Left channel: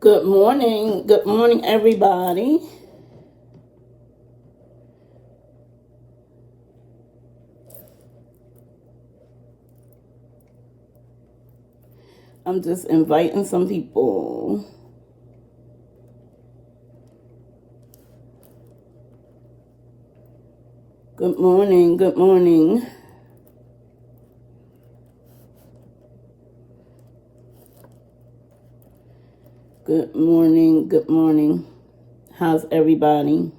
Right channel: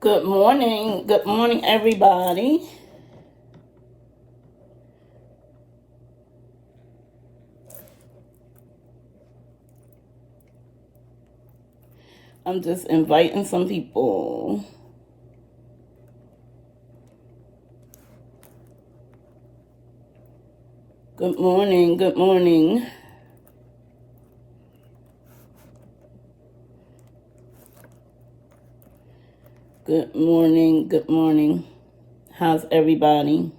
Good morning. Good morning, everybody. I'm just inviting some people. Good morning. Good morning. Good morning. Good morning. How's everybody?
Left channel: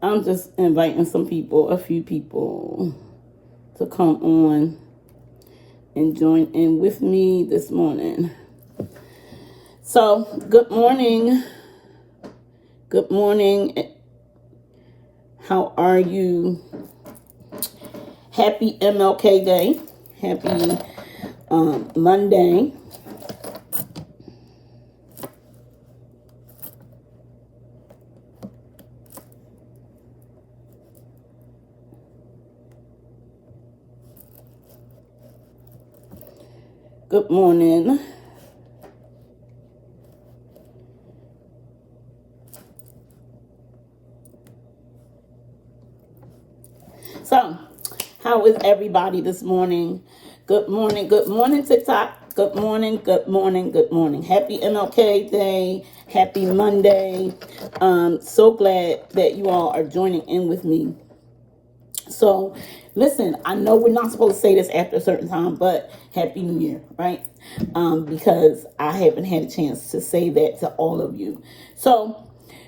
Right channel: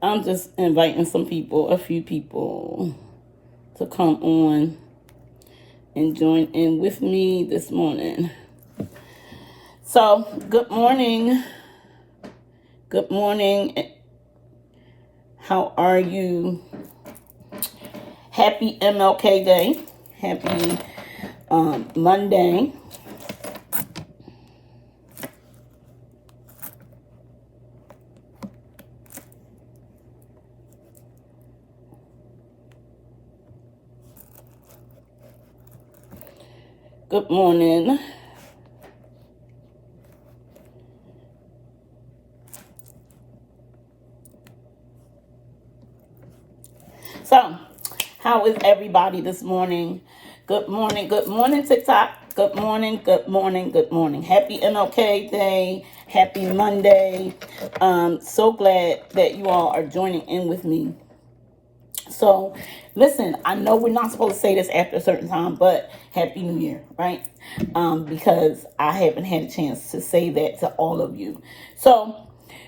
I'm just inviting some people, a few people, to come on and join in with me this morning. So, good morning. Good morning. How are you? Happy MLK Day. Happy Monday. Good morning. So, how is everybody this morning? Good morning. Good morning, TikTok. Good morning. Good morning. Good morning. Happy MLK Day. Happy Monday. So glad that you all are joining in with me. So, listen, I know we're not supposed to say this after a certain time, but Happy New Year, right? Because I haven't had a chance to say that to all of you. So,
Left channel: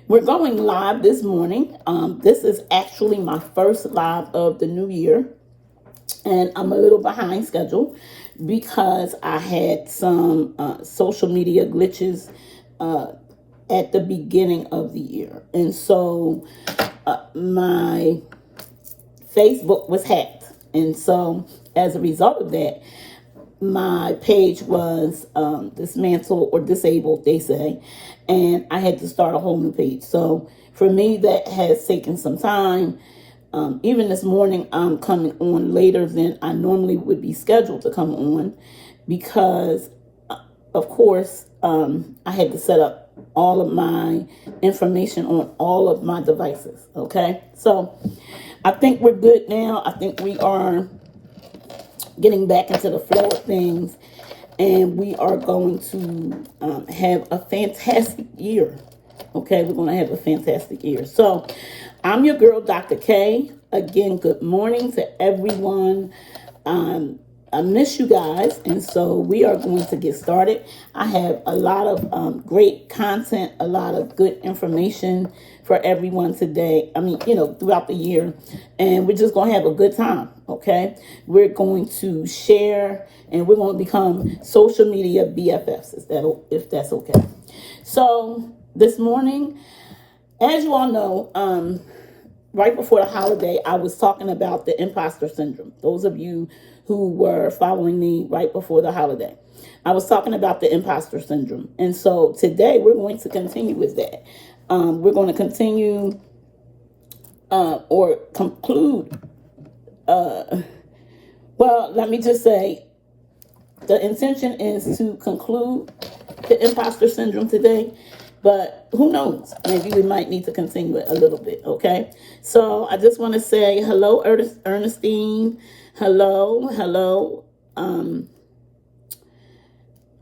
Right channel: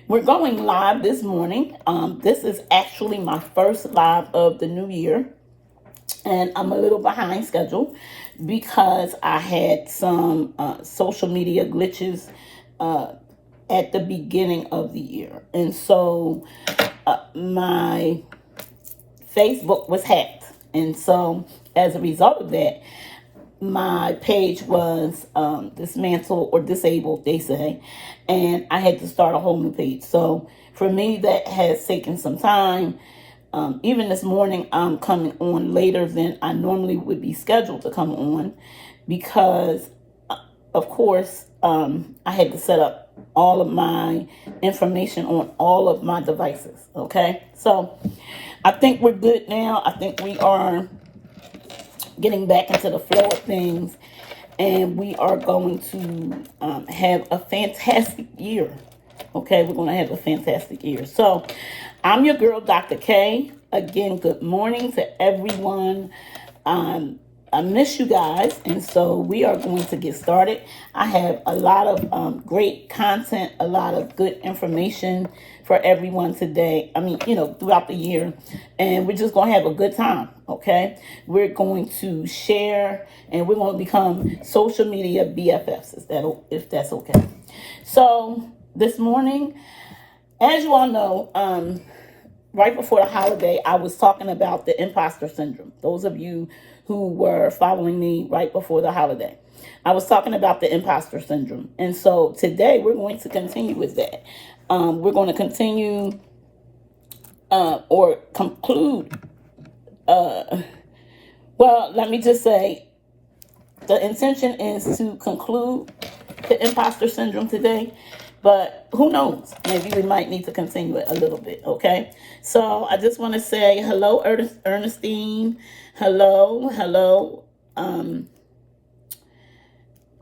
we're going live this morning. This is actually my first live of the new year, and I'm a little behind schedule because I had some social media glitches at the beginning of the year. And so my Facebook was hacked. And so as a result of that, my page was dismantled or disabled, they say, and I had to start a whole new page. So for me, that has taken some time. Even this morning, I'm coming on later than I normally would be scheduled to come on because, of course, I had to set up all of my information on all of my devices. Okay, so I think we're good now. I think we are getting back into the flow of things, and we are going to have a fantastic year. Okay, we're going to have a fantastic year. So, I'm your girl, Dr. K. Again, good morning to everyone. I miss you guys, and so we are going to get started. I have a lot of great content, a lot of good information for everyone today. I mean, throughout the year, and we're just going to have a good time, okay? We're going to share, and we're going to become social media BFFs, if that's okay. So this morning, as you all know, right before the holiday, I was talking about the imposter syndrome. Those of you who were following me right before the holiday, I was talking about the imposter syndrome. And so today we're going to continue with that. We're going to continue or conclude. Well, let me just say the intention is to conclude the imposter syndrome today, but who knows? Maybe we might need to continue it a little bit, okay? So I just want to say hello, Ernestine. Hello.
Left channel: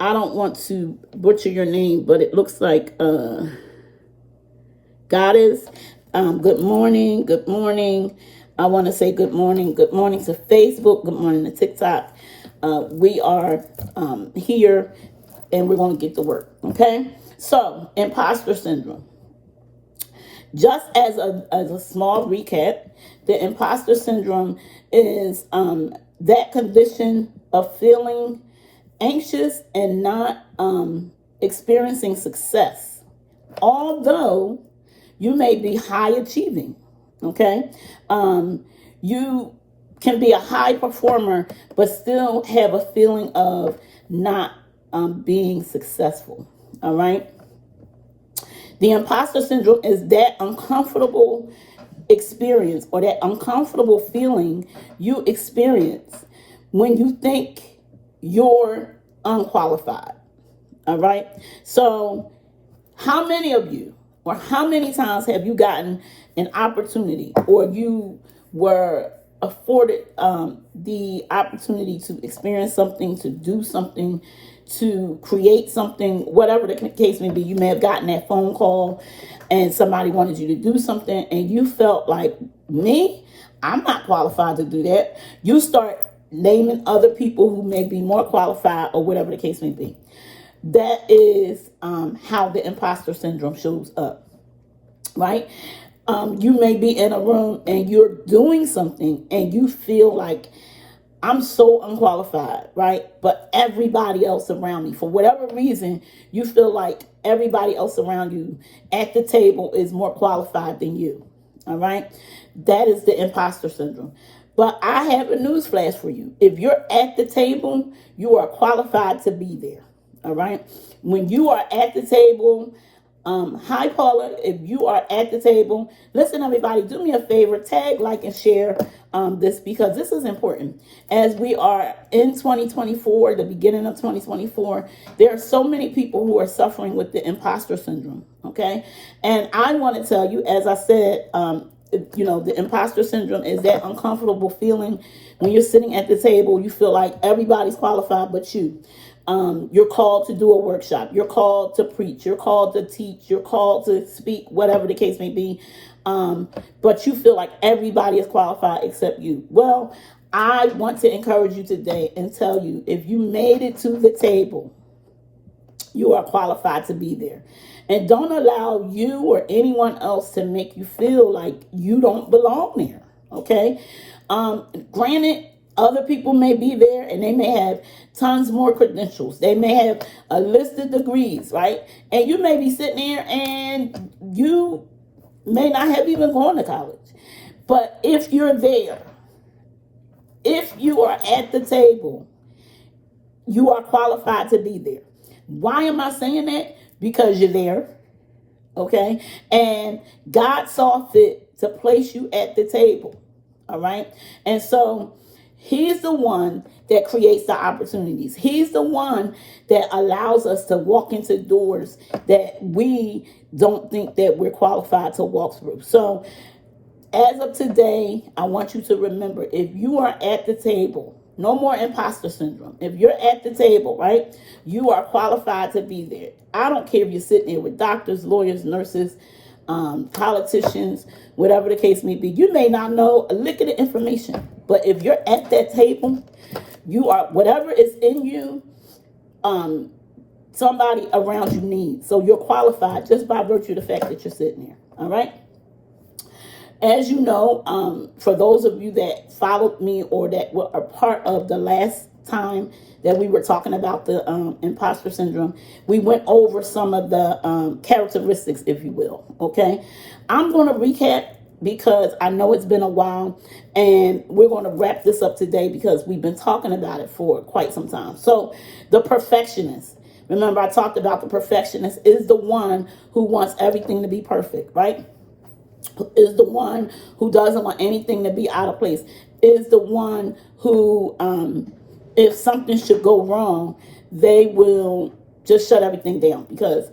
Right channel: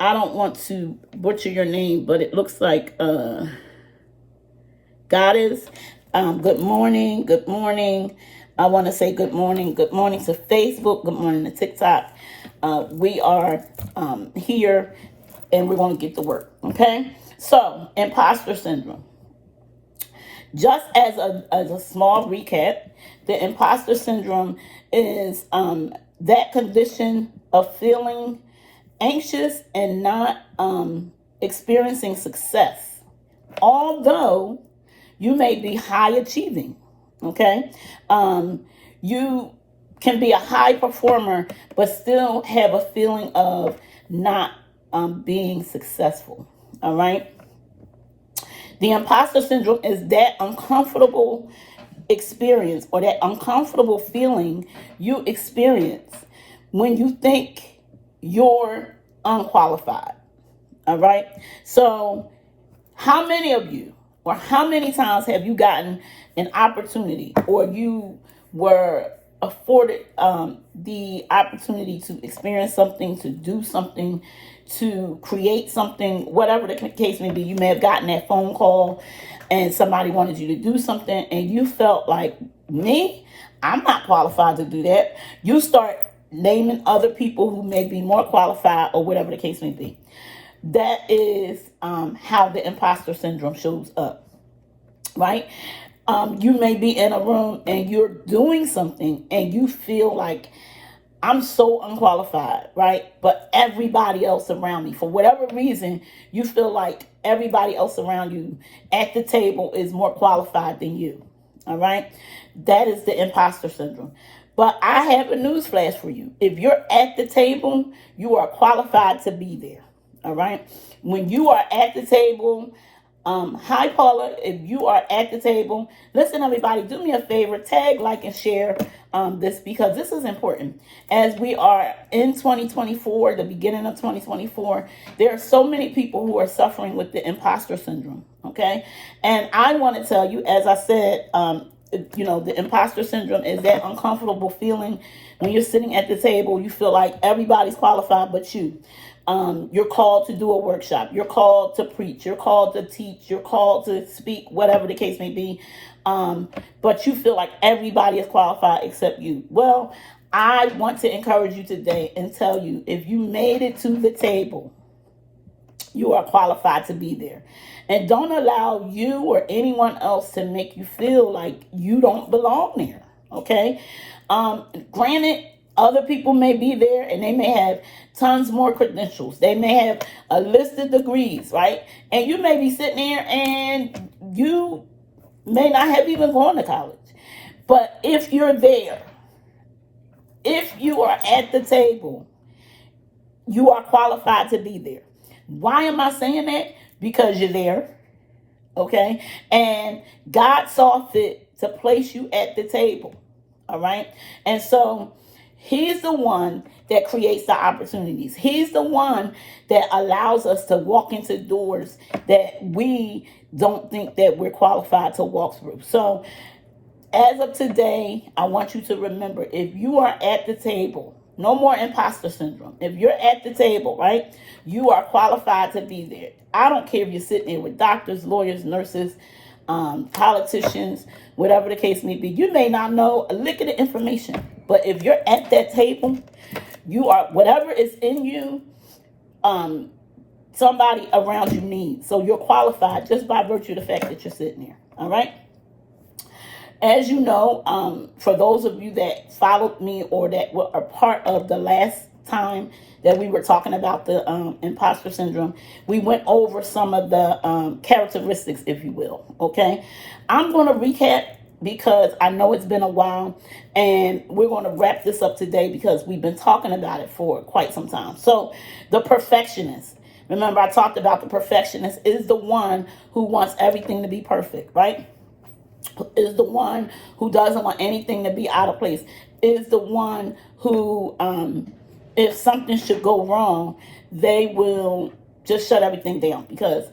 I don't want to butcher your name, but it looks like Goddess. Good morning. I want to say good morning to Facebook, good morning to TikTok. We are here, and we're going to get to work, okay? So, imposter syndrome. Just as a small recap, the imposter syndrome is that condition of feeling anxious and not experiencing success, although you may be high achieving, okay? You can be a high performer, but still have a feeling of not being successful, all right? The imposter syndrome is that uncomfortable experience or that uncomfortable feeling you experience when you think you're unqualified. All right. So how many of you, or how many times have you gotten an opportunity, or you were afforded the opportunity to experience something, to do something, to create something, whatever the case may be? You may have gotten that phone call and somebody wanted you to do something and you felt like, me, I'm not qualified to do that. You start naming other people who may be more qualified, or whatever the case may be. That is how the imposter syndrome shows up, right? You may be in a room and you're doing something and you feel like, I'm so unqualified, right? But everybody else around me, for whatever reason, you feel like everybody else around you at the table is more qualified than you, all right? That is the imposter syndrome. But I have a news flash for you. If you're at the table, you are qualified to be there, all right? When you are at the table, hi Paula, if you are at the table, listen everybody, do me a favor, tag, like, and share this, because this is important. As we are in 2024, the beginning of 2024, there are so many people who are suffering with the imposter syndrome, okay? And I want to tell you, as I said, the imposter syndrome is that uncomfortable feeling when you're sitting at the table, you feel like everybody's qualified but you. You're called to do a workshop. You're called to preach. You're called to teach. You're called to speak, whatever the case may be. But you feel like everybody is qualified except you. Well, I want to encourage you today and tell you, if you made it to the table, you are qualified to be there. And don't allow you or anyone else to make you feel like you don't belong there. Okay? Granted, other people may be there and they may have tons more credentials. They may have a list of degrees, right? And you may be sitting there and you may not have even gone to college. But if you're there, if you are at the table, you are qualified to be there. Why am I saying that? Because you're there, okay? And God saw fit to place you at the table, all right? And so He's the one that creates the opportunities. He's the one that allows us to walk into doors that we don't think that we're qualified to walk through. So as of today, I want you to remember, if you are at the table, no more imposter syndrome. If you're at the table, right, you are qualified to be there. I don't care if you're sitting there with doctors, lawyers, nurses, politicians, whatever the case may be. You may not know a lick of the information, but if you're at that table, you are, whatever is in you, somebody around you needs. So you're qualified just by virtue of the fact that you're sitting there. All right. As you know, for those of you that followed me or that were a part of the last time that we were talking about the imposter syndrome, we went over some of the characteristics, if you will. Okay, I'm going to recap because I know it's been a while, and we're going to wrap this up today because we've been talking about it for quite some time. So the perfectionist. Remember, I talked about the perfectionist is the one who wants everything to be perfect, right? Is the one who doesn't want anything to be out of place, is the one who, if something should go wrong, they will just shut everything down because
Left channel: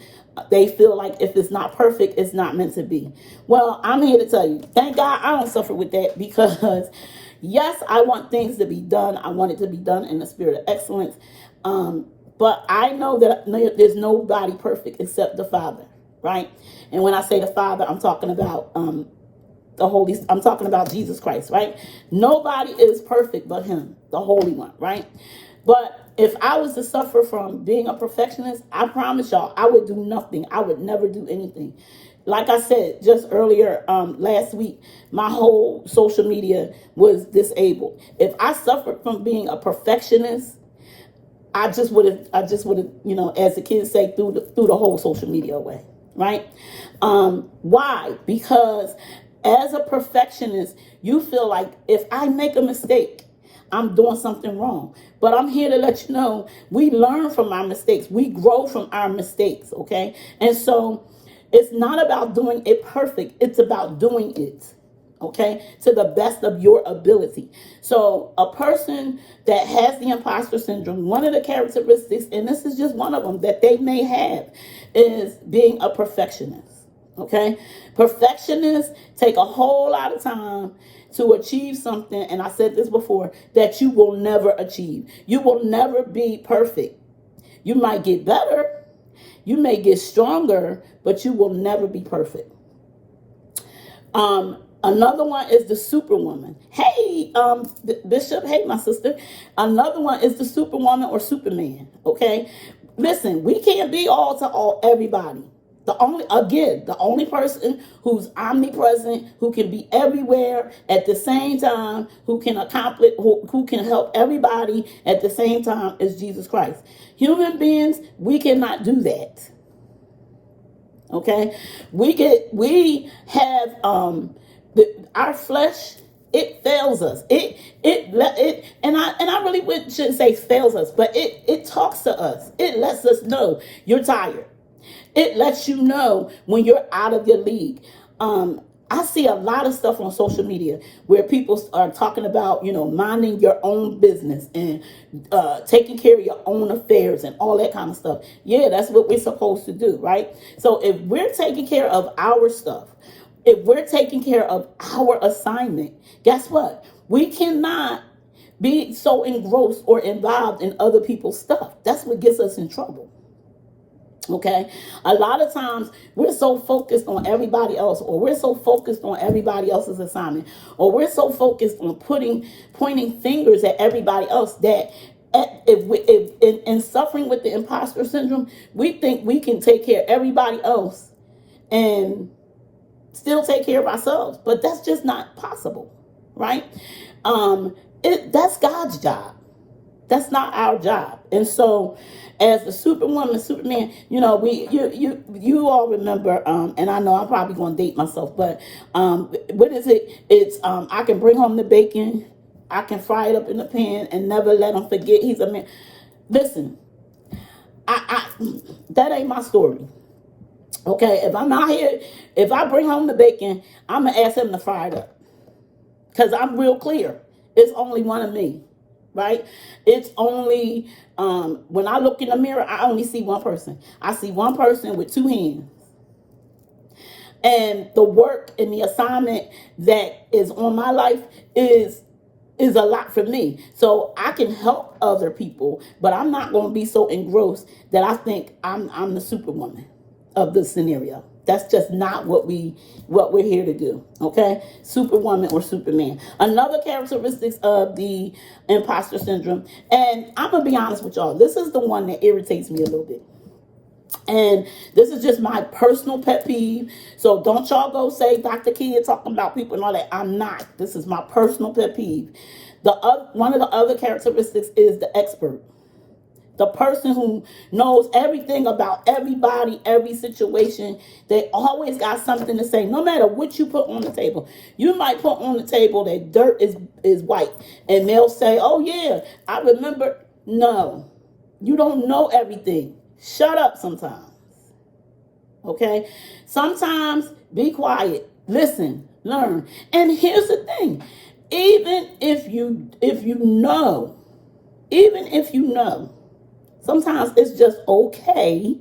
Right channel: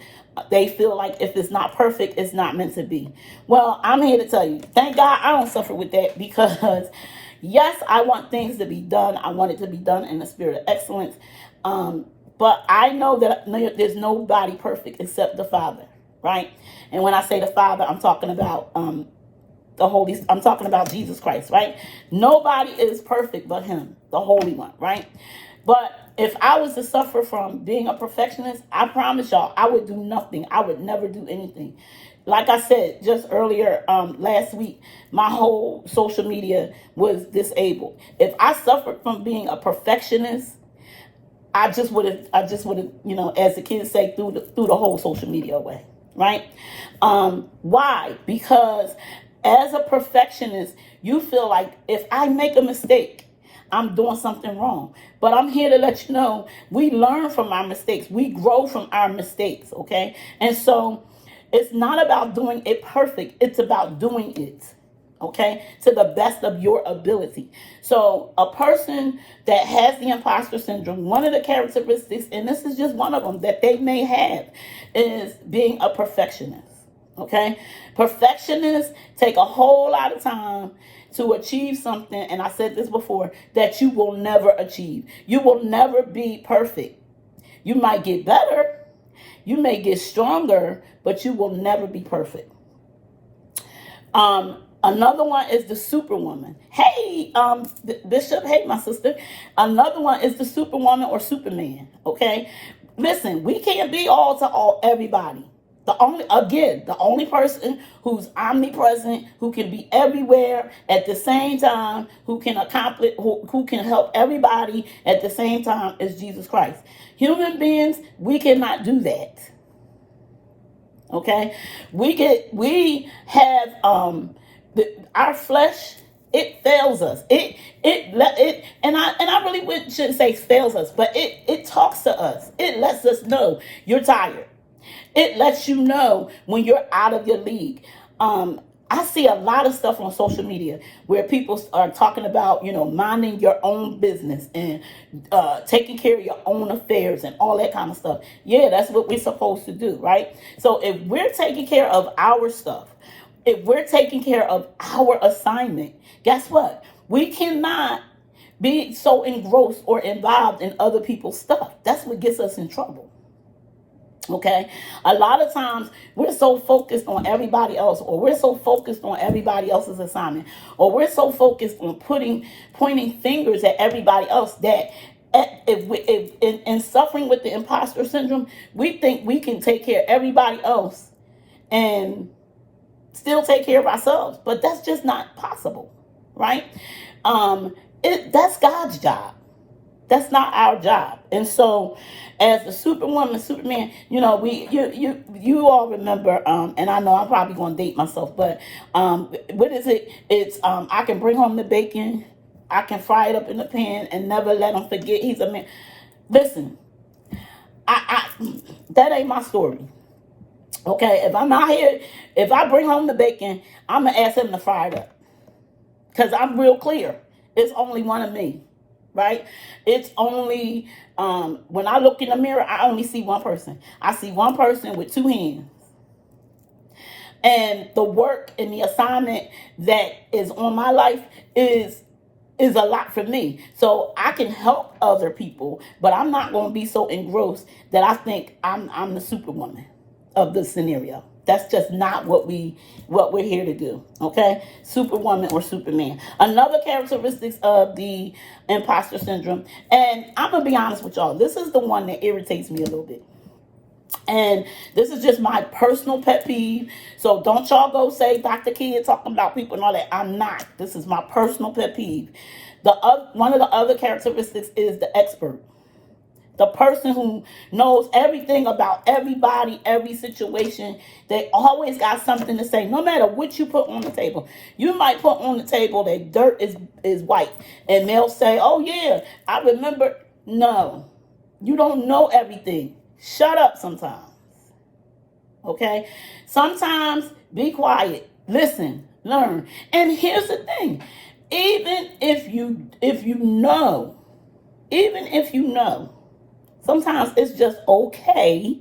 they feel like if it's not perfect, it's not meant to be. Well, I'm here to tell you, thank God I don't suffer with that, because yes, I want things to be done. I want it to be done in the spirit of excellence. But I know that there's nobody perfect except the Father, right? And when I say the Father, I'm talking about I'm talking about Jesus Christ, right? Nobody is perfect but Him, the Holy One, right? But if I was to suffer from being a perfectionist, I promise y'all, I would do nothing. I would never do anything. Like I said just earlier, last week, my whole social media was disabled. If I suffered from being a perfectionist, I just would have, as the kids say, threw the whole social media away, right? Why? Because as a perfectionist, you feel like if I make a mistake, I'm doing something wrong. But I'm here to let you know, we learn from our mistakes. We grow from our mistakes, okay? And so it's not about doing it perfect. It's about doing it, okay, to the best of your ability. So a person that has the imposter syndrome, one of the characteristics, and this is just one of them that they may have, is being a perfectionist. Okay, perfectionists take a whole lot of time to achieve something, and I said this before, that you will never achieve. You will never be perfect. You might get better, you may get stronger, but you will never be perfect. Another one is the superwoman. Hey, Bishop, hey, my sister. Another one is the superwoman or Superman. Okay, listen, we can't be all to all everybody. The only person who's omnipresent, who can be everywhere at the same time, who can accomplish, who can help everybody at the same time, is Jesus Christ. Human beings, we cannot do that. Okay, we have our flesh, it fails us. It and I really shouldn't say fails us, but it talks to us. It lets us know you're tired. It lets you know when you're out of your league. I see a lot of stuff on social media where people are talking about, minding your own business and taking care of your own affairs and all that kind of stuff. Yeah, that's what we're supposed to do, right? So if we're taking care of our stuff, if we're taking care of our assignment, guess what? We cannot be so engrossed or involved in other people's stuff. That's what gets us in trouble. Okay, a lot of times we're so focused on everybody else, or we're so focused on everybody else's assignment, or we're so focused on pointing fingers at everybody else that if in suffering with the imposter syndrome, we think we can take care of everybody else and still take care of ourselves, but that's just not possible, right? That's God's job. That's not our job. And so as the superwoman, Superman, you all remember, and I know I'm probably going to date myself, but what is it? It's I can bring home the bacon, I can fry it up in the pan and never let him forget he's a man. Listen, I that ain't my story. Okay, if I'm out here, if I bring home the bacon, I'm going to ask him to fry it up. Because I'm real clear. It's only one of me, right? It's only, when I look in the mirror, I only see one person. I see one person with two hands. And the work and the assignment that is on my life is a lot for me. So I can help other people, but I'm not going to be so engrossed that I think I'm the superwoman of the scenario. That's just not what we're here to do. Okay, superwoman or Superman. Another characteristics of the imposter syndrome, and I'm gonna be honest with y'all, this is the one that irritates me a little bit. And this is just my personal pet peeve. So don't y'all go say Dr. Kia talking about people and all that. I'm not. This is my personal pet peeve. One of the other characteristics is the expert. The person who knows everything about everybody, every situation. They always got something to say, no matter what you put on the table. You might put on the table that dirt is white, and they'll say, oh yeah, I remember. No, you don't know everything. Shut up sometimes. Okay? Sometimes be quiet. Listen, learn. And here's the thing. Even if you know, sometimes it's just okay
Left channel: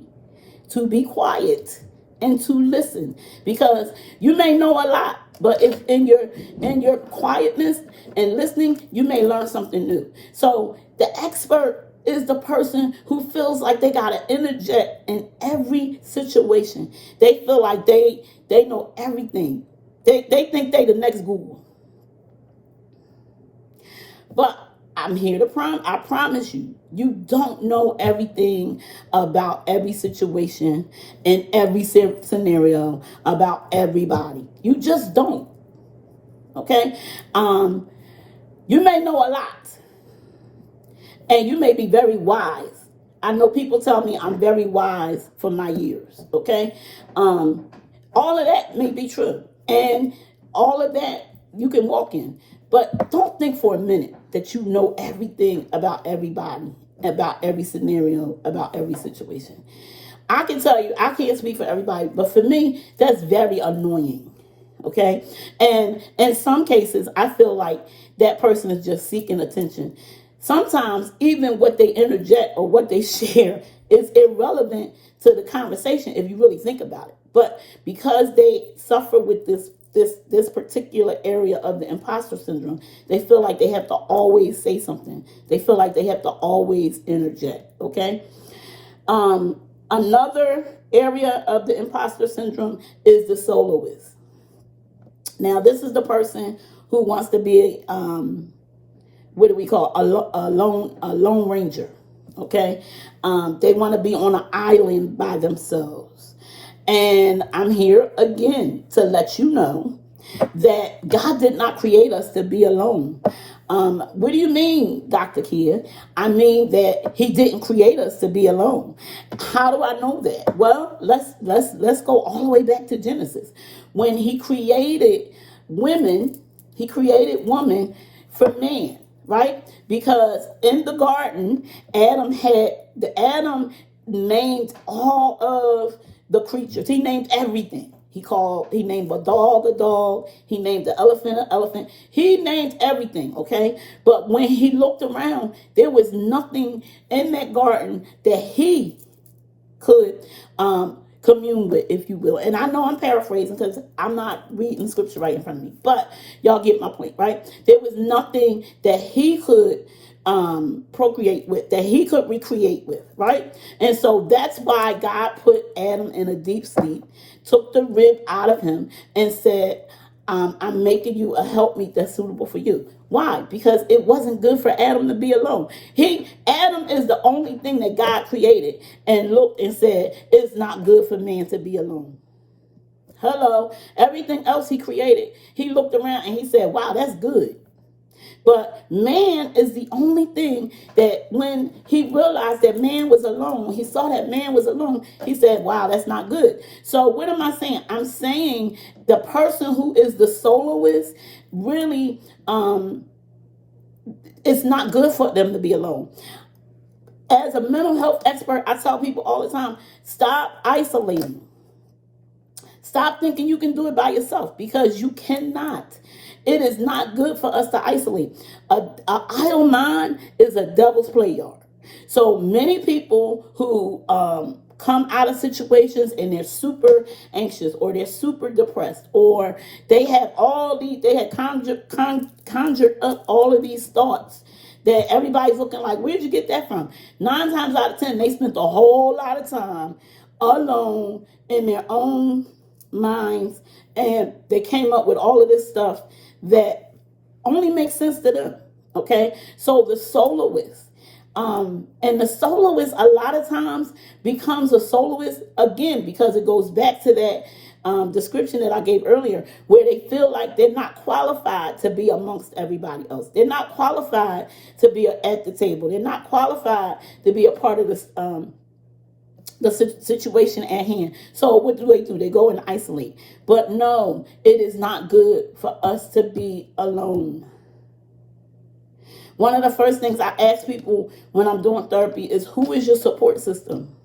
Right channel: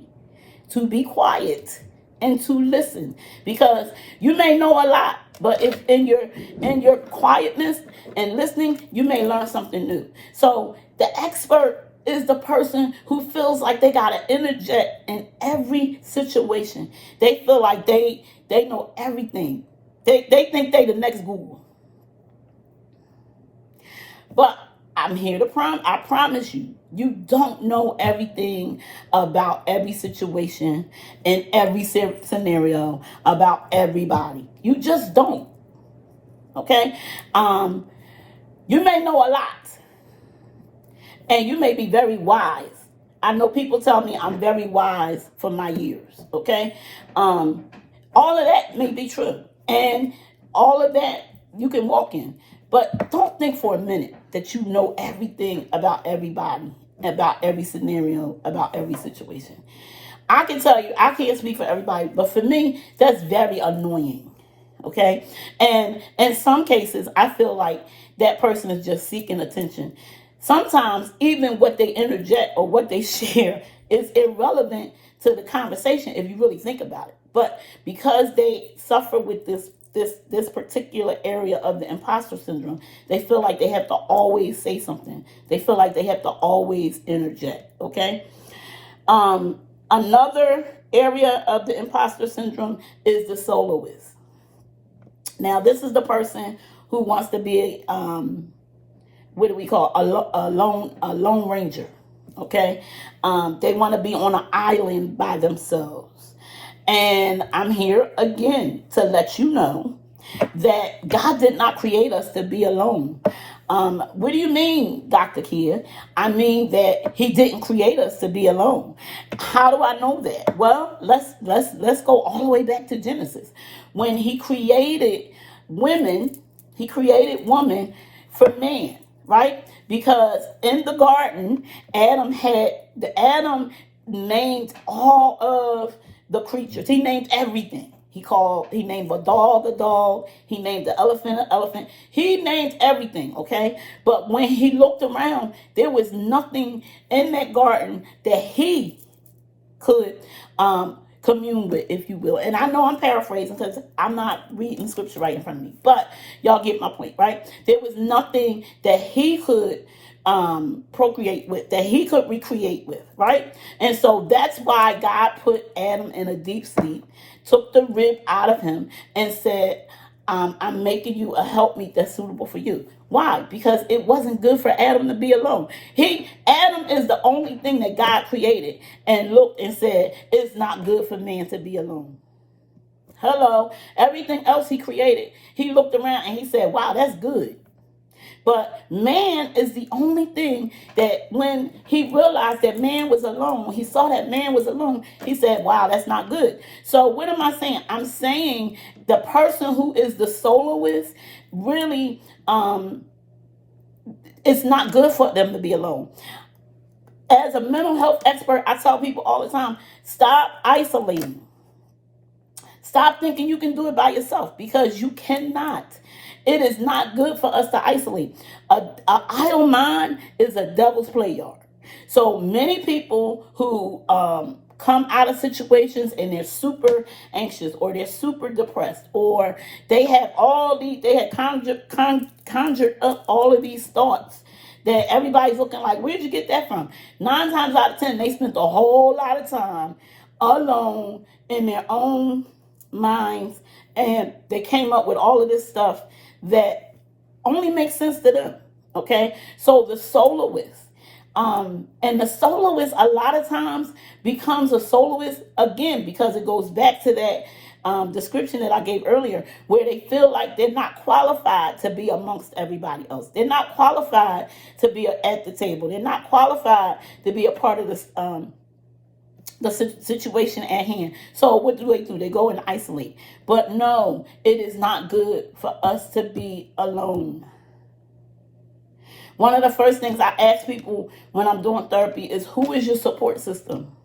to be quiet and to listen, because you may know a lot, but if in your quietness and listening, you may learn something new. So the expert is the person who feels like they got to interject in every situation. They feel like they know everything. They think they the next Google. But I'm here to I promise you, you don't know everything about every situation in every scenario about everybody. You just don't. Okay? You may know a lot. And you may be very wise. I know people tell me I'm very wise for my years. Okay? All of that may be true. And all of that you can walk in. But don't think for a minute that you know everything about everybody, about every scenario, about every situation. I can tell you, I can't speak for everybody, but for me, that's very annoying. Okay. And in some cases, I feel like that person is just seeking attention. Sometimes even what they interject or what they share is irrelevant to the conversation if you really think about it. But because they suffer with this particular area of the imposter syndrome, they feel like they have to always say something. They feel like they have to always interject. Okay. Another area of the imposter syndrome is the soloist. Now, this is the person who wants to be, what do we call, a lone ranger. Okay, they want to be on an island by themselves. And I'm here again to let you know that God did not create us to be alone. What do you mean, Dr. Kia? I mean that He didn't create us to be alone. How do I know that? Well, let's go all the way back to Genesis. When He created women, He created woman for man, right? Because in the garden, Adam named all of the creatures. He named everything. He named a dog a dog. He named the elephant an elephant. He named everything, okay? But when he looked around, there was nothing in that garden that he could commune with, if you will. And I know I'm paraphrasing because I'm not reading scripture right in front of me, but y'all get my point, right? There was nothing that he could procreate with, that he could recreate with, right? And so that's why God put Adam in a deep sleep, took the rib out of him, and said, I'm making you a helpmeet that's suitable for you. Why? Because it wasn't good for Adam to be alone. Adam is the only thing that God created and looked and said, it's not good for man to be alone. Hello. Everything else he created, he looked around and he said, wow, that's good. But man is the only thing that when he realized that man was alone, he saw that man was alone, he said, wow, that's not good. So what am I saying? I'm saying the person who is the soloist really, it's not good for them to be alone. As a mental health expert, I tell people all the time, stop isolating. Stop thinking you can do it by yourself, because you cannot. It is not good for us to isolate. An idle mind is a devil's play yard. So many people who come out of situations and they're super anxious, or they're super depressed, or they had conjured up all of these thoughts that everybody's looking like, where'd you get that from? 9 times out of 10, they spent a whole lot of time alone in their own minds, and they came up with all of this stuff that only makes sense to them. Okay, so the soloist, and the soloist a lot of times becomes a soloist again because it goes back to that description that I gave earlier, where they feel like they're not qualified to be amongst everybody else. They're not qualified to be at the table. They're not qualified to be a part of this the situation at hand. So what do? They go and isolate. But no, it is not good for us to be alone. One of the first things I ask people when I'm doing therapy is, who is your support system?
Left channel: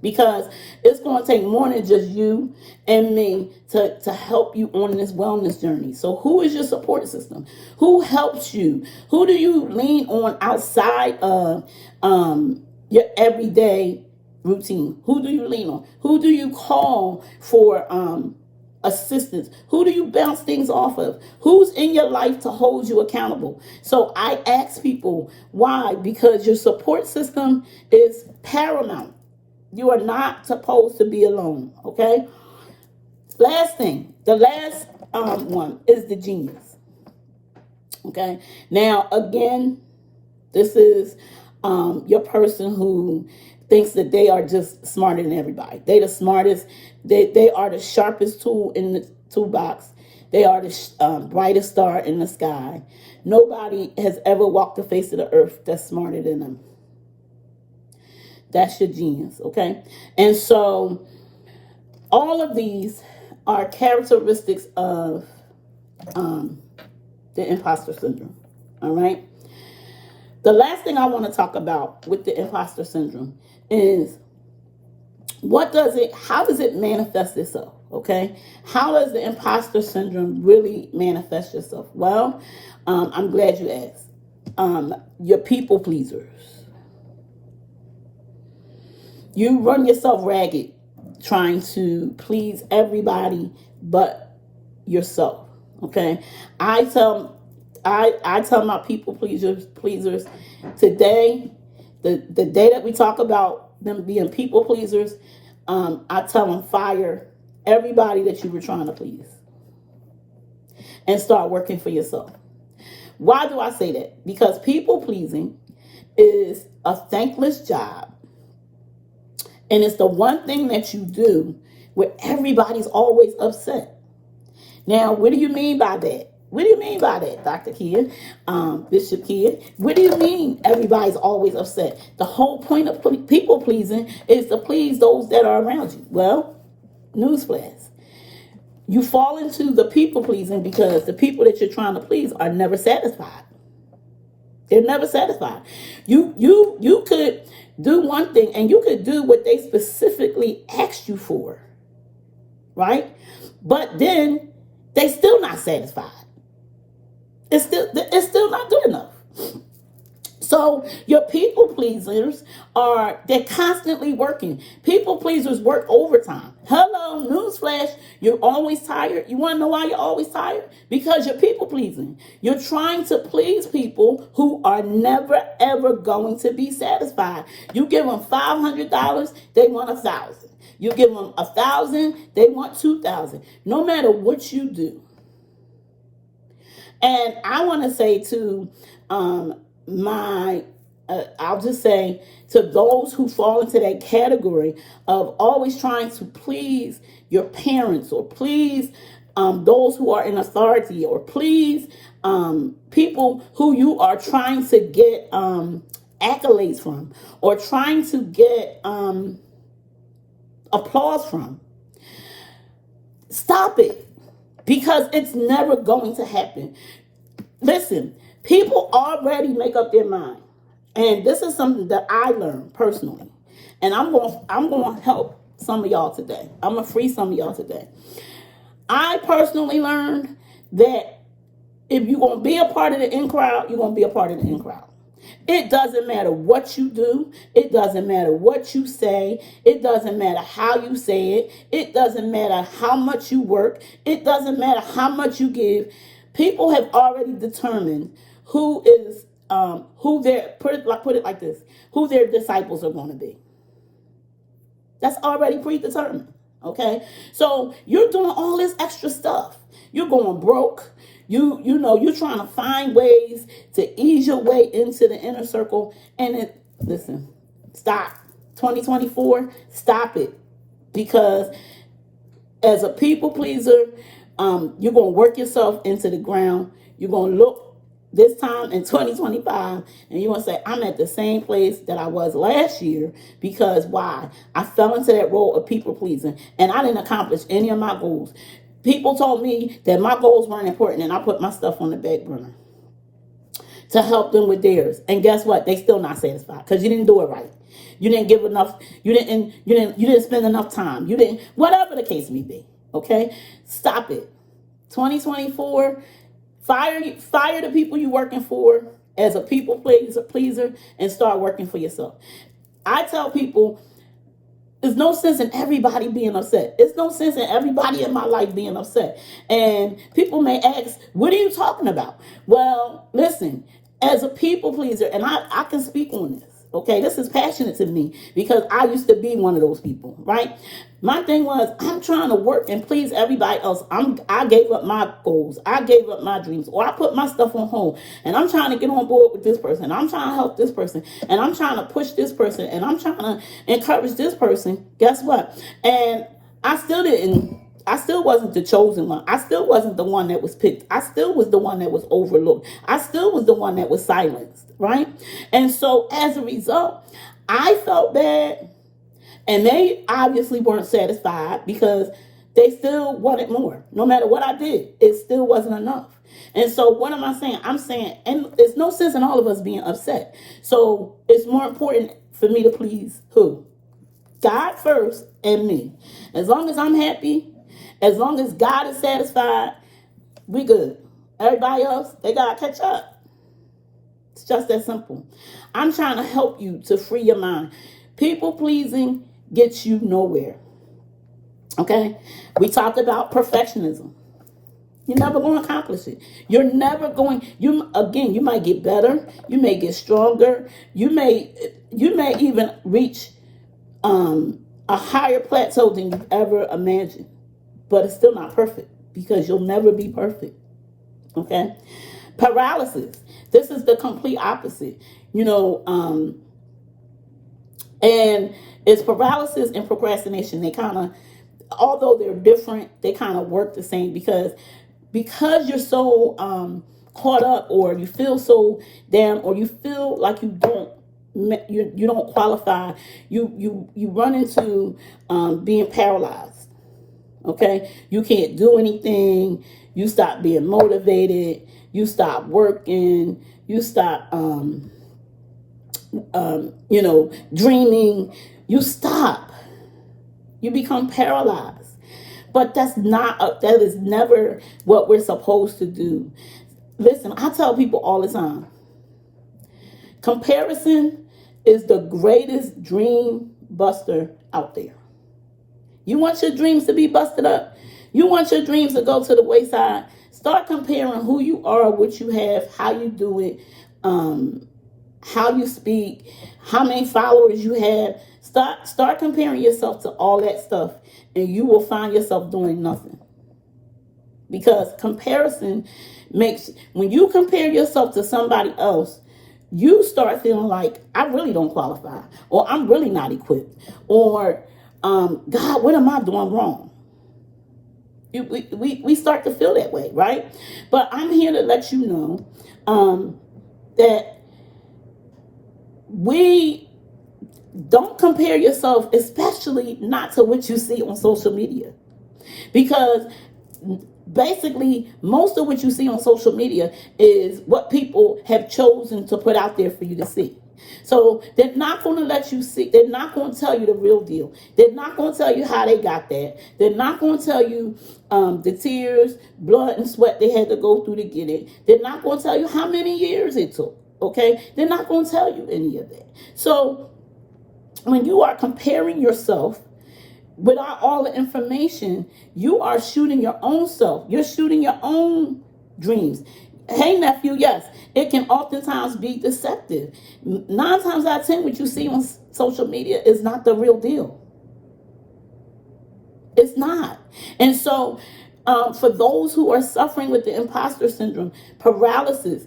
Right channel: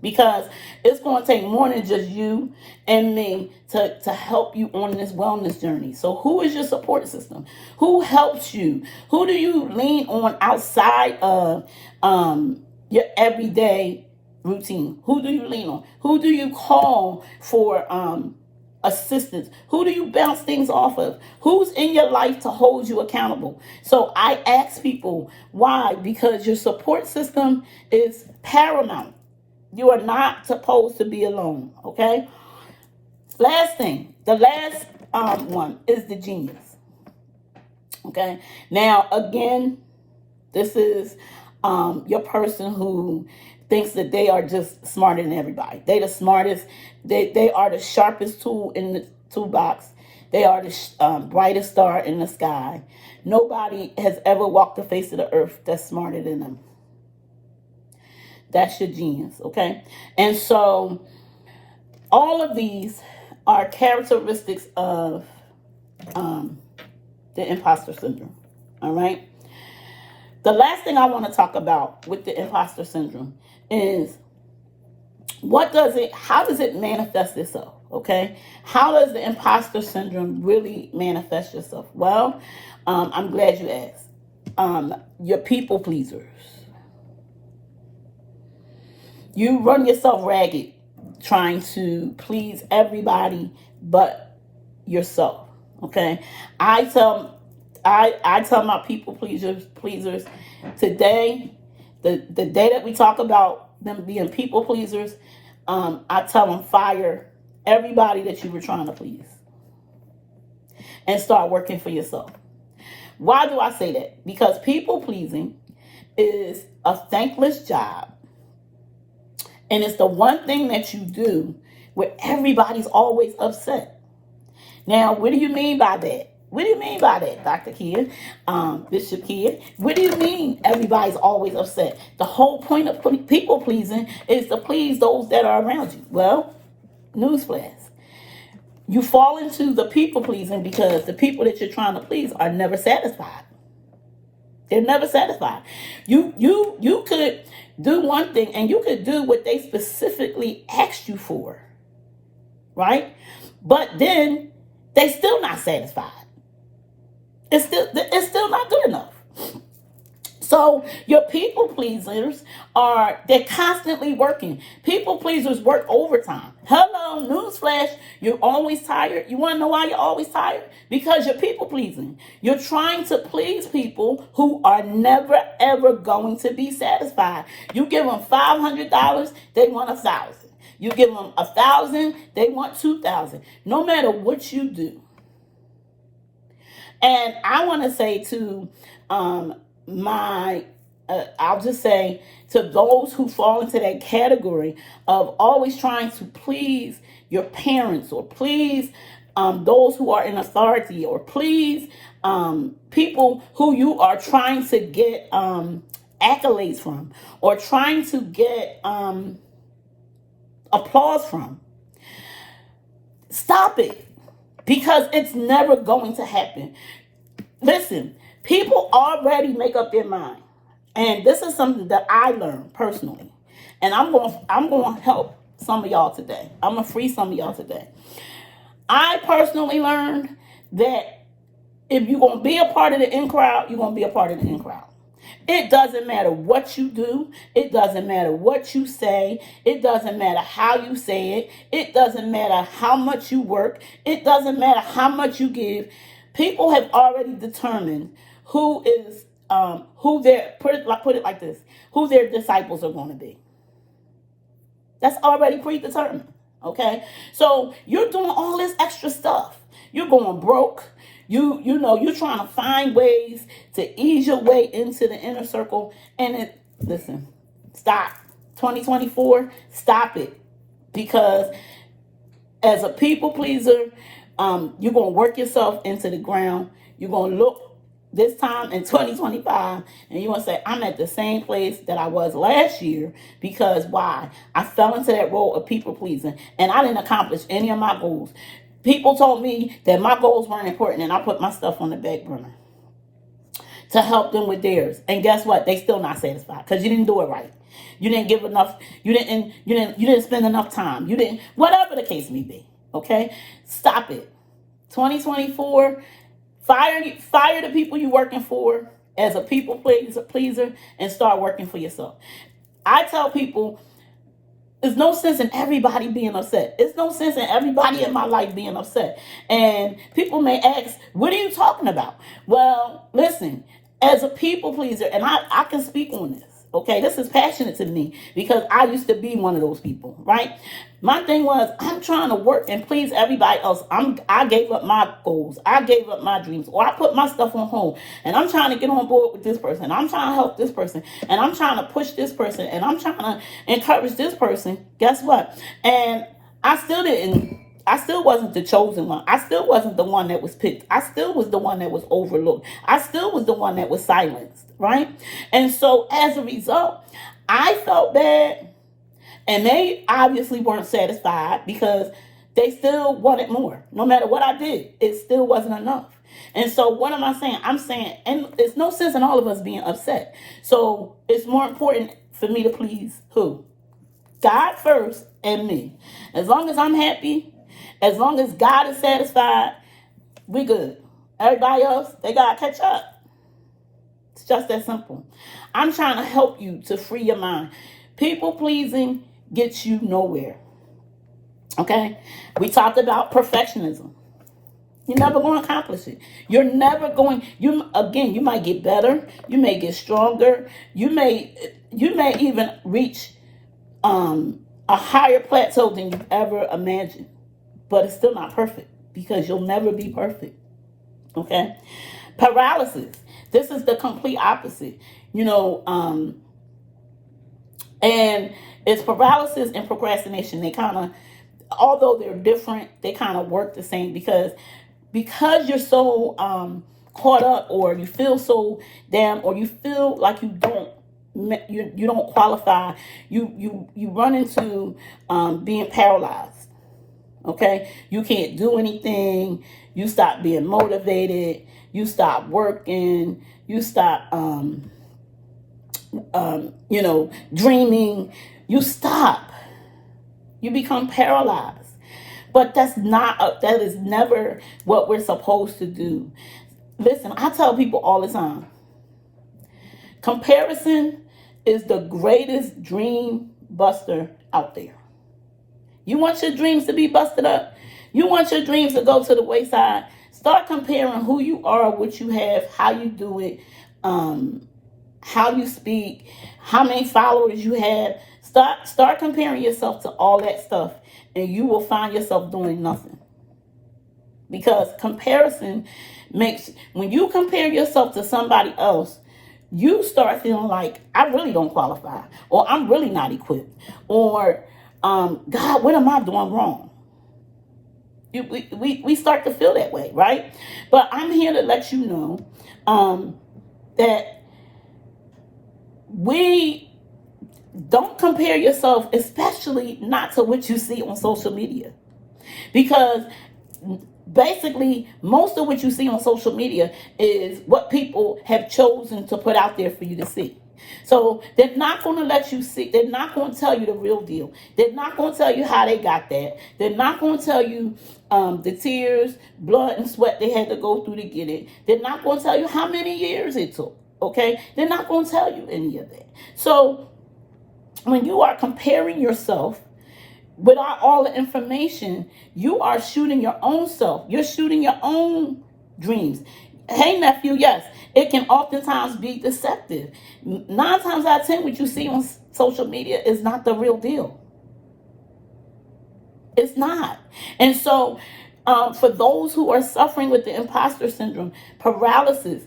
Because it's going to take more than just you and me to help you on this wellness journey. So who is your support system? Who helps you? Who do you lean on outside of your everyday routine? Who do you lean on? Who do you call for assistance? Who do you bounce things off of? Who's in your life to hold you accountable? So I ask people, why? Because your support system is paramount. You are not supposed to be alone, okay? Last thing, the last one is the genius, okay? Now, again, this is your person who thinks that they are just smarter than everybody. They the smartest. They are the sharpest tool in the toolbox. They are the brightest star in the sky. Nobody has ever walked the face of the earth that's smarter than them. That's your genius, okay? And so all of these are characteristics of the imposter syndrome, all right? The last thing I want to talk about with the imposter syndrome is how does it manifest itself, Okay, how does the imposter syndrome really manifest yourself? Well, I'm glad you asked. You're people pleasers. You run yourself ragged trying to please everybody but yourself. Okay, I tell my people pleasers today, the day that we talk about them being people pleasers, I tell them fire everybody that you were trying to please and start working for yourself. Why do I say that? Because people pleasing is a thankless job, and it's the one thing that you do where everybody's always upset. Now, what do you mean by that? What do you mean by that, Dr. Kia, Bishop Kia? What do you mean everybody's always upset? The whole point of people pleasing is to please those that are around you. Well, newsflash. You fall into the people pleasing because the people that you're trying to please are never satisfied. They're never satisfied. You could do one thing and you could do what they specifically asked you for, right? But then they still not satisfied. It's still not good enough. So your people pleasers they're constantly working. People pleasers work overtime. Hello, newsflash, you're always tired. You want to know why you're always tired? Because you're people pleasing. You're trying to please people who are never ever going to be satisfied. You give them $500, they want $1,000. You give them $1,000, they want $2,000. No matter what you do. And I want to say to I'll just say to those who fall into that category of always trying to please your parents or please those who are in authority or please people who you are trying to get accolades from or trying to get applause from. Stop it, because it's never going to happen. Listen, people already make up their mind. And this is something that I learned personally. And I'm going to help some of y'all today. I'm going to free some of y'all today. I personally learned that if you're going to be a part of the in crowd, you're going to be a part of the in crowd. It doesn't matter what you do. It doesn't matter what you say. It doesn't matter how you say it. It doesn't matter how much you work. It doesn't matter how much you give. People have already determined who their put it like this, who their disciples are going to be. That's already predetermined. Okay, so you're doing all this extra stuff. You're going broke. You're trying to find ways to ease your way into the inner circle. And listen, stop. 2024, stop it. Because as a people pleaser, you're going to work yourself into the ground. You're going to look this time in 2025 and you want to say, I'm at the same place that I was last year. Because why? I fell into that role of people pleasing and I didn't accomplish any of my goals. People told me that my goals weren't important and I put my stuff on the back burner to help them with theirs. And guess what? They still not satisfied because you didn't do it right. You didn't give enough. You didn't spend enough time. You didn't, whatever the case may be. Okay, stop it. 2024, fire the people you're working for as a people pleaser and start working for yourself. I tell people, there's no sense in everybody being upset. There's no sense in everybody in my life being upset. And people may ask, what are you talking about? Well, listen, as a people pleaser, and I can speak on this. Okay, this is passionate to me because I used to be one of those people, right? My thing was, I'm trying to work and please everybody else. I gave up my goals. I gave up my dreams, or I put my stuff on hold. And I'm trying to get on board with this person. I'm trying to help this person. And I'm trying to push this person. And I'm trying to encourage this person. Guess what? And I still wasn't the chosen one. I still wasn't the one that was picked. I still was the one that was overlooked. I still was the one that was silenced, right? And so as a result, I felt bad. And they obviously weren't satisfied because they still wanted more. No matter what I did, it still wasn't enough. And so what am I saying? I'm saying, and there's no sense in all of us being upset. So it's more important for me to please who? God first and me. As long as I'm happy, As long as God is satisfied, we good. Everybody else, they gotta catch up. It's just that simple. I'm trying to help you to free your mind. People pleasing gets you nowhere. Okay? We talked about perfectionism. You're never going to accomplish it. You're never going. You might get better. You may get stronger. You may even reach a higher plateau than you've ever imagined. But it's still not perfect because you'll never be perfect. Okay? Paralysis. This is the complete opposite. And it's paralysis and procrastination. They kind of, although they're different, they kind of work the same because you're so caught up, or you feel so damn, or you feel like you don't qualify. You run into being paralyzed. Okay, you can't do anything. You stop being motivated. You stop working. You stop dreaming. You stop. You become paralyzed. But that is never what we're supposed to do. Listen, I tell people all the time, comparison is the greatest dream buster out there. You want your dreams to be busted up? You want your dreams to go to the wayside? Start comparing who you are, what you have, how you do it, how you speak, how many followers you have. Start comparing yourself to all that stuff, and you will find yourself doing nothing. Because comparison when you compare yourself to somebody else, you start feeling like, I really don't qualify, or I'm really not equipped, or God, what am I doing wrong? We start to feel that way, right? But I'm here to let you know that we don't compare yourself, especially not to what you see on social media. Because basically, most of what you see on social media is what people have chosen to put out there for you to see. So they're not going to let you see. They're not going to tell you the real deal. They're not going to tell you how they got that. They're not going to tell you the tears, blood, and sweat they had to go through to get it. They're not going to tell you how many years it took. Okay? They're not going to tell you any of that. So when you are comparing yourself without all the information, you are shooting your own self. You're shooting your own dreams. Hey, nephew, yes, it can oftentimes be deceptive. 9 times out of 10, what you see on social media is not the real deal. It's not. And so for those who are suffering with the imposter syndrome, paralysis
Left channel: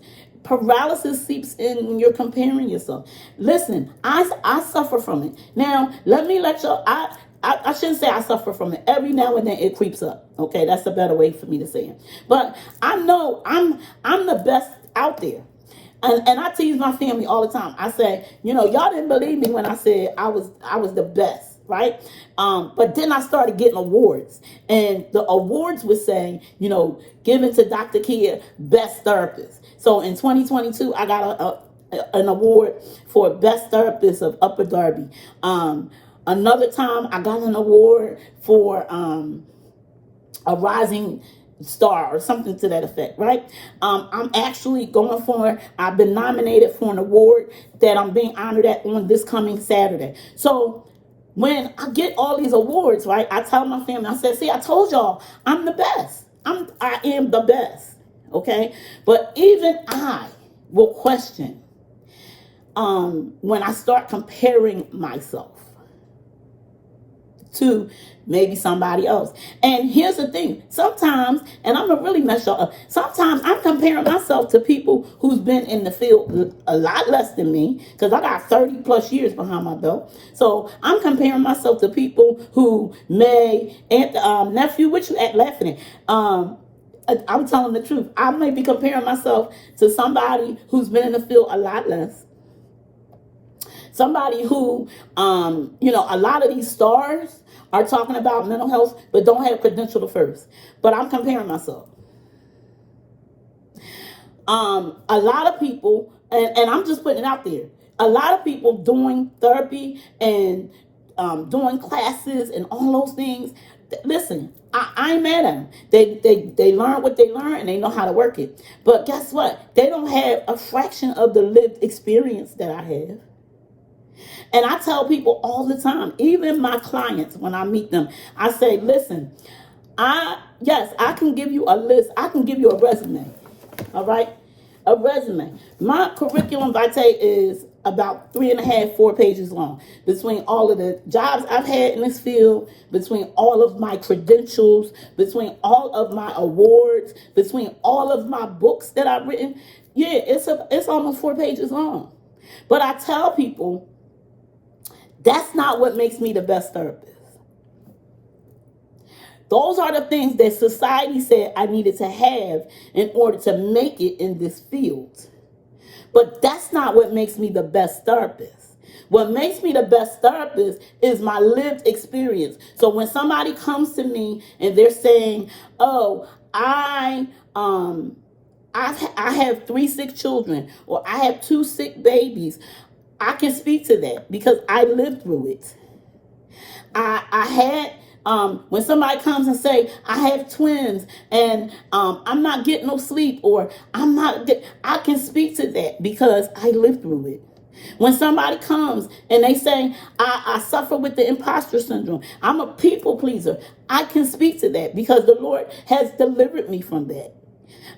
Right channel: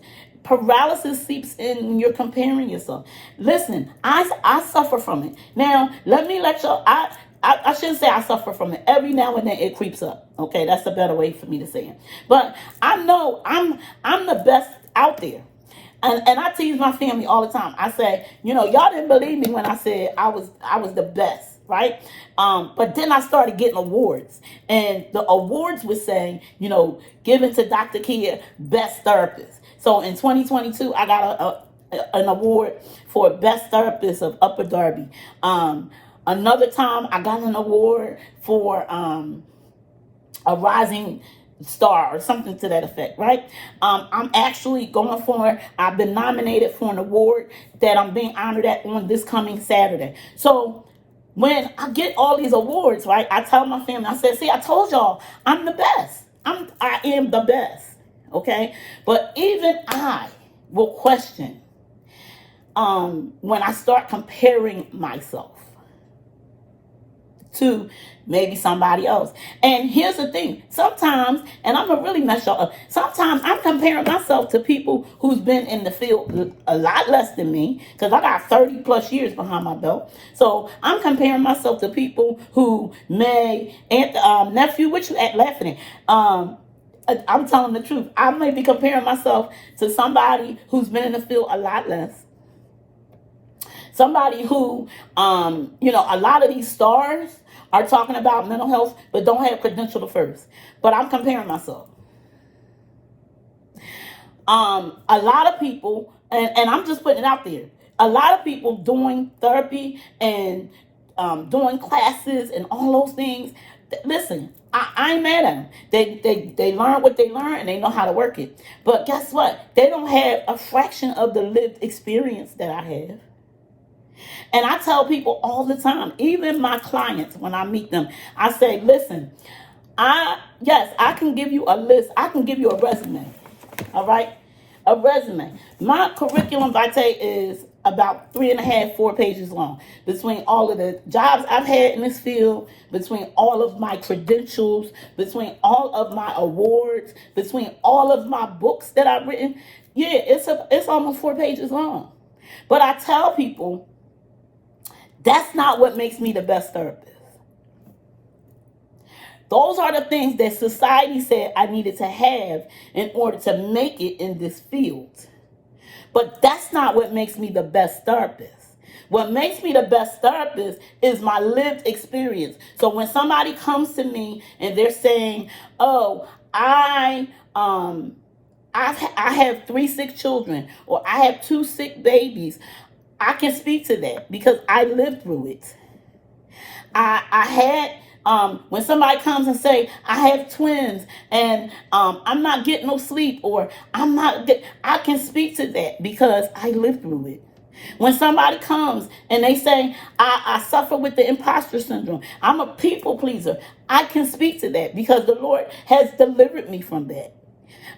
seeps in when you're comparing yourself. Listen, I suffer from it. Now, let me let y'all, I shouldn't say I suffer from it. Every now and then it creeps up. Okay, that's a better way for me to say it. But I know I'm the best out there. And I tease my family all the time. I say, y'all didn't believe me when I said I was the best, right? But then I started getting awards. And the awards were saying, given to Dr. Kia, best therapist. So in 2022, I got an award for best therapist of Upper Darby. Another time, I got an award for a rising star or something to that effect, right? I'm actually I've been nominated for an award that I'm being honored at on this coming Saturday. So when I get all these awards, right, I tell my family, I said, see, I told y'all, I'm the best. I am the best, okay? But even I will question when I start comparing myself to maybe somebody else. And here's the thing. Sometimes, and I'm going to really mess y'all up, sometimes I'm comparing myself to people who's been in the field a lot less than me, because I got 30 plus years behind my belt. So I'm comparing myself to people who nephew, what you laughing at? I'm telling the truth. I may be comparing myself to somebody who's been in the field a lot less. Somebody who, a lot of these stars are talking about mental health, but don't have credential first. But I'm comparing myself. A lot of people, and I'm just putting it out there, a lot of people doing therapy and doing classes and all those things, Listen, I ain't mad at them. They learn what they learn and they know how to work it. But guess what? They don't have a fraction of the lived experience that I have. And I tell people all the time, even my clients, when I meet them, I say, listen, yes, I can give you a list. I can give you a resume. All right? A resume. My curriculum vitae is about 3.5, 4 pages long. Between all of the jobs I've had in this field, between all of my credentials, between all of my awards, between all of my books that I've written, yeah, it's almost 4 pages long. But I tell people, that's not what makes me the best therapist. Those are the things that society said I needed to have in order to make it in this field. But that's not what makes me the best therapist. What makes me the best therapist is my lived experience. So when somebody comes to me and they're saying, "Oh, I have 3 sick children, or I have 2 sick babies," I can speak to that because I lived through it. I had when somebody comes and say, "I have twins and I'm not getting no sleep," or I can speak to that because I lived through it. When somebody comes and they say, I suffer with the imposter syndrome, I'm a people pleaser, I can speak to that because the Lord has delivered me from that.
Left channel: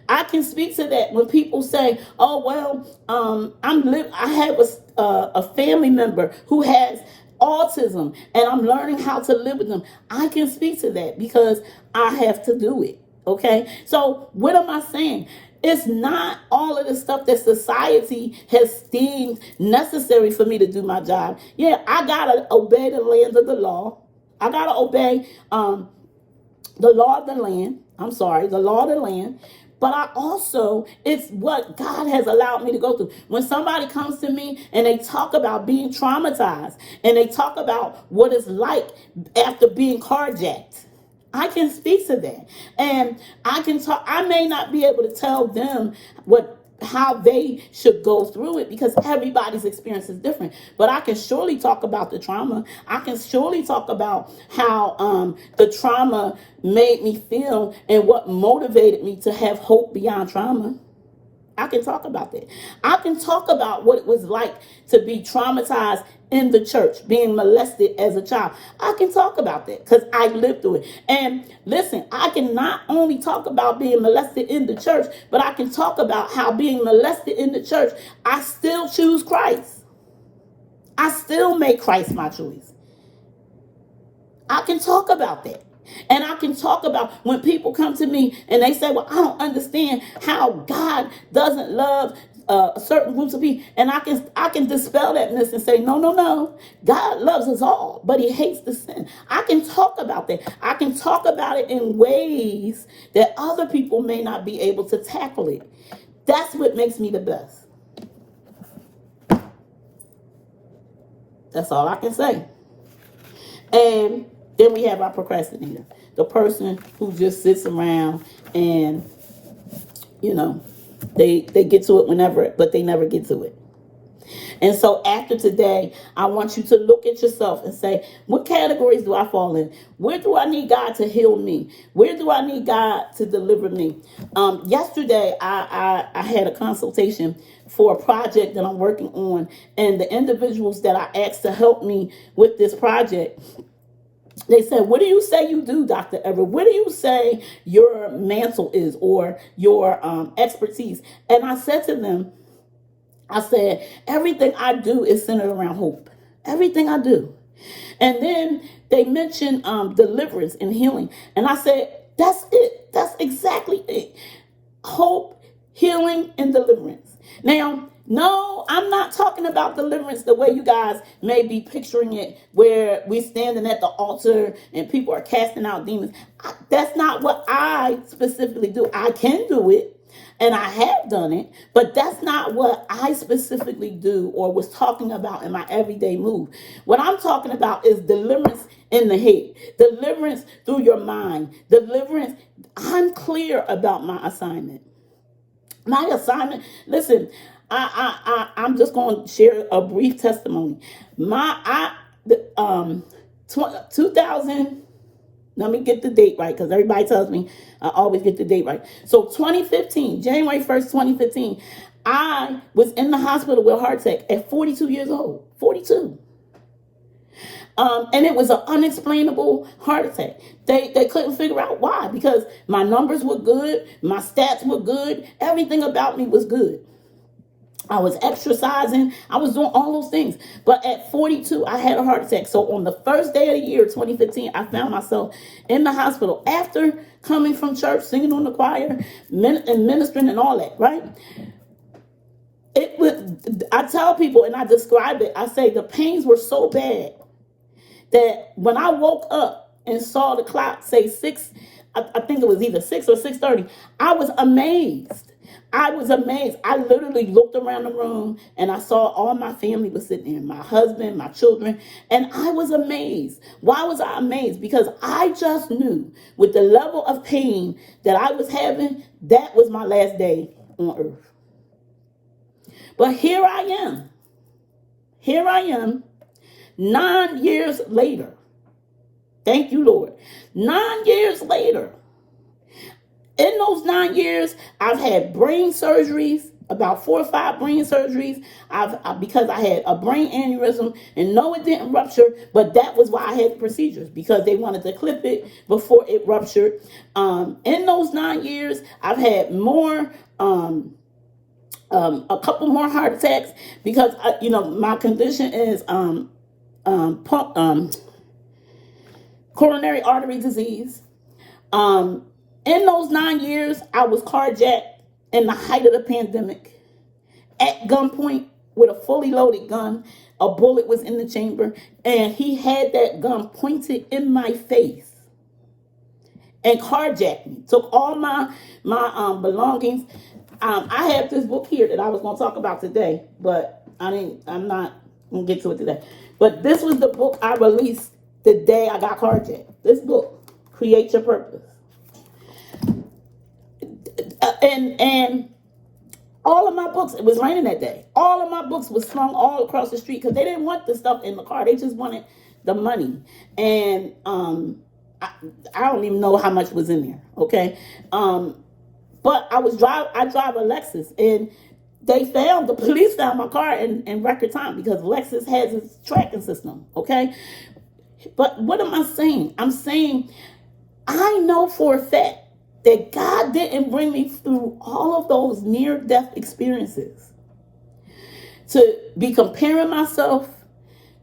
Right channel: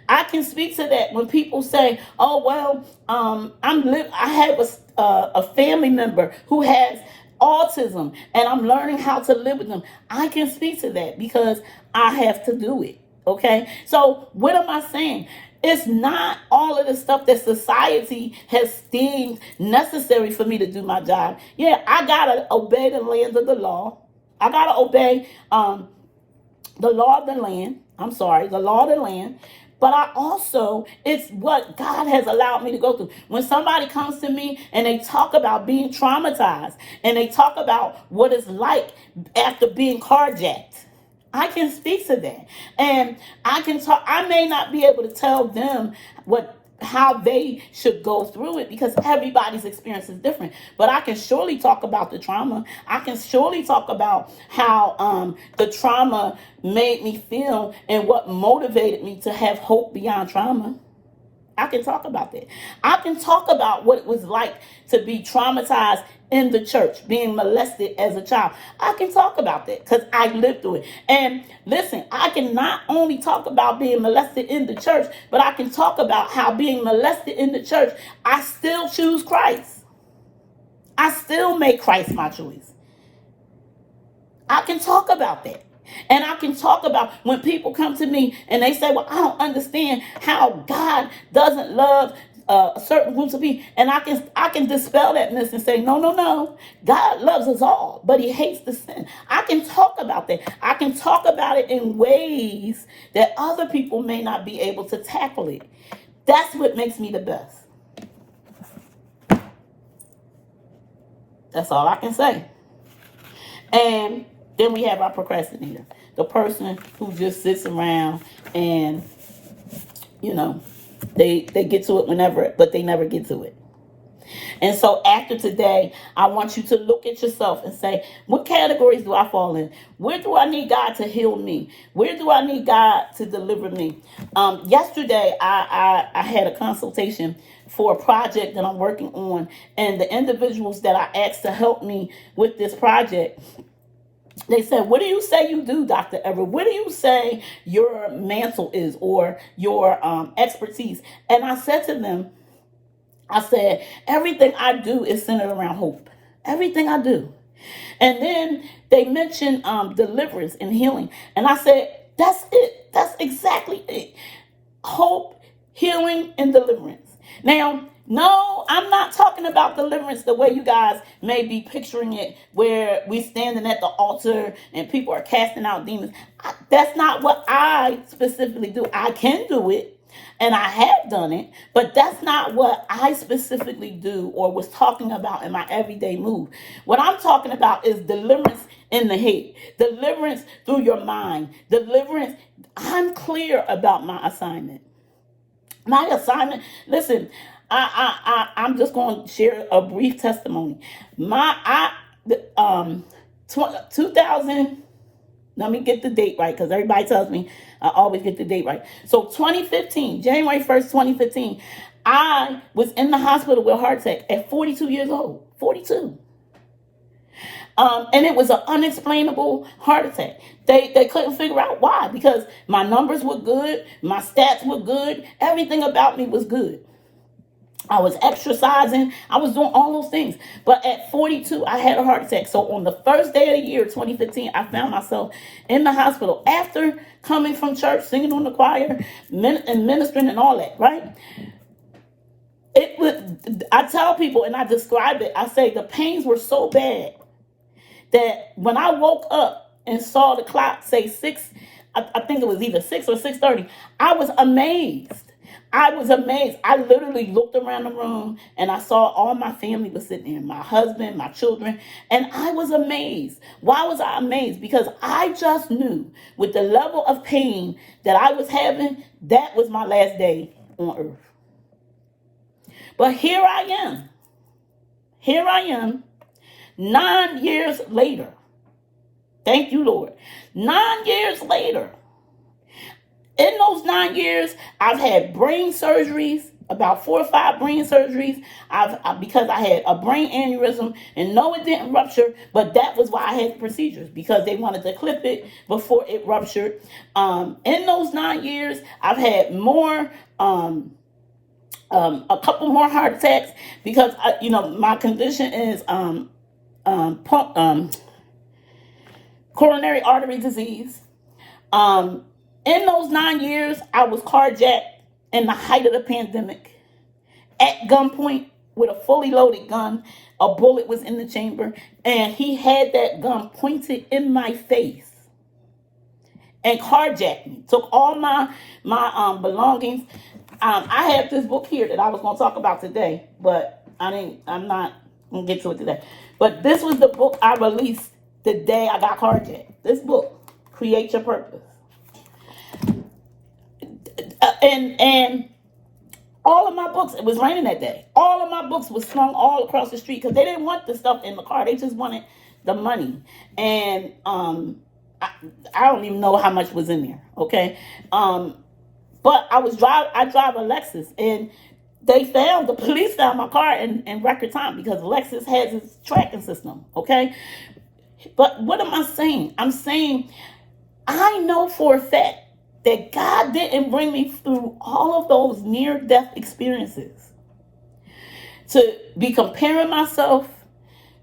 I can speak to that when people say, "Oh well, I have a family member who has autism, and I'm learning how to live with them." I can speak to that because I have to do it. Okay, so what am I saying? It's not all of the stuff that society has deemed necessary for me to do my job. Yeah, I gotta obey the lands of the law. I gotta obey the law of the land. The law of the land. But I also, it's what God has allowed me to go through. When somebody comes to me and they talk about being traumatized and they talk about what it's like after being carjacked, I can speak to that. And I can talk, I may not be able to tell them how they should go through it because everybody's experience is different. But I can surely talk about the trauma. I can surely talk about how the trauma made me feel and what motivated me to have hope beyond trauma. I can talk about that. I can talk about what it was like to be traumatized in the church, being molested as a child. I can talk about that because I lived through it. And listen, I can not only talk about being molested in the church, but I can talk about how being molested in the church, I still choose Christ. I still make Christ my choice. I can talk about that. And I can talk about when people come to me and they say, "Well, I don't understand how God doesn't love certain groups of people." And I can dispel that myth and say, no. God loves us all, but he hates the sin. I can talk about that. I can talk about it in ways that other people may not be able to tackle it. That's what makes me the best. That's all I can say. And then we have our procrastinator, the person who just sits around and, they get to it whenever, but they never get to it. And so after today, I want you to look at yourself and say, what categories do I fall in? Where do I need God to heal me? Where do I need God to deliver me? Yesterday, I had a consultation for a project that I'm working on, and the individuals that I asked to help me with this project, they said, "What do you say you do, Dr. Everett? What do you say your mantle is or your expertise?" And I said to them, I said, "Everything I do is centered around hope. Everything I do." And then they mentioned deliverance and healing. And I said, "That's it. That's exactly it. Hope, healing, and deliverance." Now, no, I'm not talking about deliverance the way you guys may be picturing it, where we're standing at the altar and people are casting out demons. That's not what I specifically do. I can do it, and I have done it, but that's not what I specifically do or was talking about in my everyday move. What I'm talking about is deliverance in the head, deliverance through your mind, deliverance. I'm clear about my assignment. My assignment, listen, I'm just going to share a brief testimony. 2000, Let me get the date right, because everybody tells me I always get the date right. So 2015, January 1st, 2015, I was in the hospital with a heart attack at 42 years old. 42. And it was an unexplainable heart attack. They couldn't figure out why, because my numbers were good, my stats were good, everything about me was good. I was exercising, I was doing all those things. But at 42, I had a heart attack. So on the first day of the year, 2015, I found myself in the hospital after coming from church, singing on the choir, and ministering and all that, right? I tell people, and I describe it, I say the pains were so bad that when I woke up and saw the clock say 6, I think it was either 6 or 6:30, I was amazed. I was amazed. I literally looked around the room and I saw all my family was sitting there, my husband, my children, and I was amazed. Why was I amazed? Because I just knew with the level of pain that I was having, that was my last day on earth. But here I am. Here I am, 9 years later. Thank you, Lord. 9 years later. In those 9 years, I've had brain surgeries, about 4 or 5 brain surgeries. Because I had a brain aneurysm, and no, it didn't rupture, but that was why I had the procedures, because they wanted to clip it before it ruptured. In those 9 years, I've had more, a couple more heart attacks, because my condition is coronary artery disease. In those 9 years, I was carjacked in the height of the pandemic at gunpoint with a fully loaded gun. A bullet was in the chamber, and he had that gun pointed in my face and carjacked me. Took all my belongings. I have this book here that I was going to talk about today, but I'm not going to get to it today. But this was the book I released the day I got carjacked. This book, Create Your Purpose. And all of my books, it was raining that day. All of my books was slung all across the street because they didn't want the stuff in the car. They just wanted the money. And I don't even know how much was in there. Okay. But I drive a Lexus, and the police found my car in record time, because Lexus has its tracking system. Okay. But what am I saying? I'm saying I know for a fact that God didn't bring me through all of those near-death experiences to be comparing myself,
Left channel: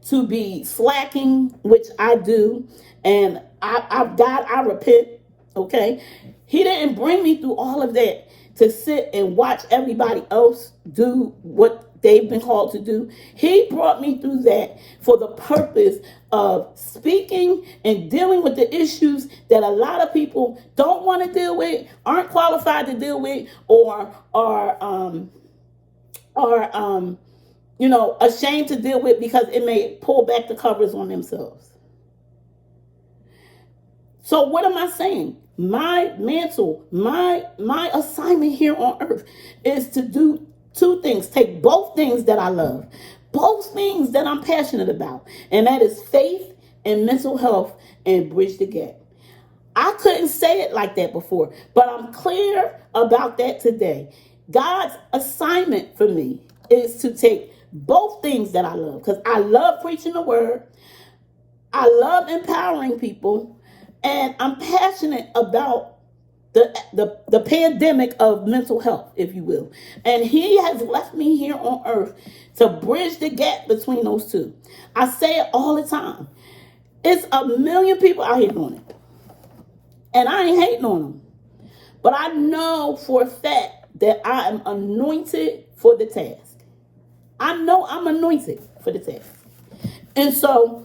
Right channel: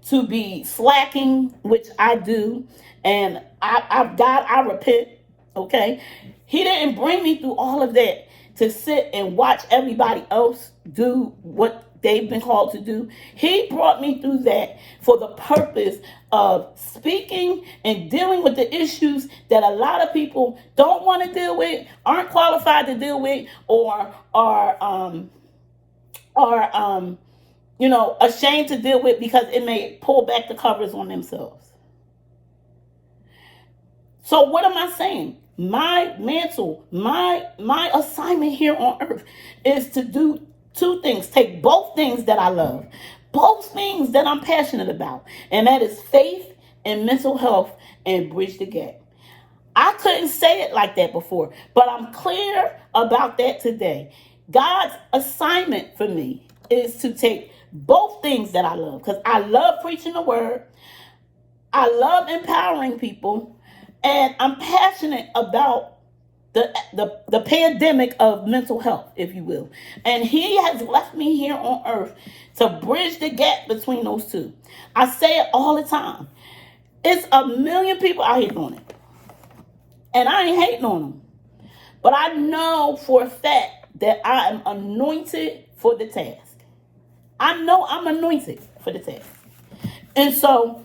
to be slacking, which I do, and I repent, okay? He didn't bring me through all of that to sit and watch everybody else do what they've been called to do. He brought me through that for the purpose of speaking and dealing with the issues that a lot of people don't want to deal with, aren't qualified to deal with, or are ashamed to deal with because it may pull back the covers on themselves. So what am I saying? My mantle, my assignment here on earth is to do 2 things. Take both things that I love, both things that I'm passionate about, and that is faith and mental health, and bridge the gap. I couldn't say it like that before, but I'm clear about that today. God's assignment for me is to take both things that I love, because I love preaching the word, I love empowering people, and I'm passionate about the pandemic of mental health, if you will. And he has left me here on earth to bridge the gap between those two. I say it all the time. It's a million people out here doing it. And I ain't hating on them. But I know for a fact that I am anointed for the task. I know I'm anointed for the task. And so,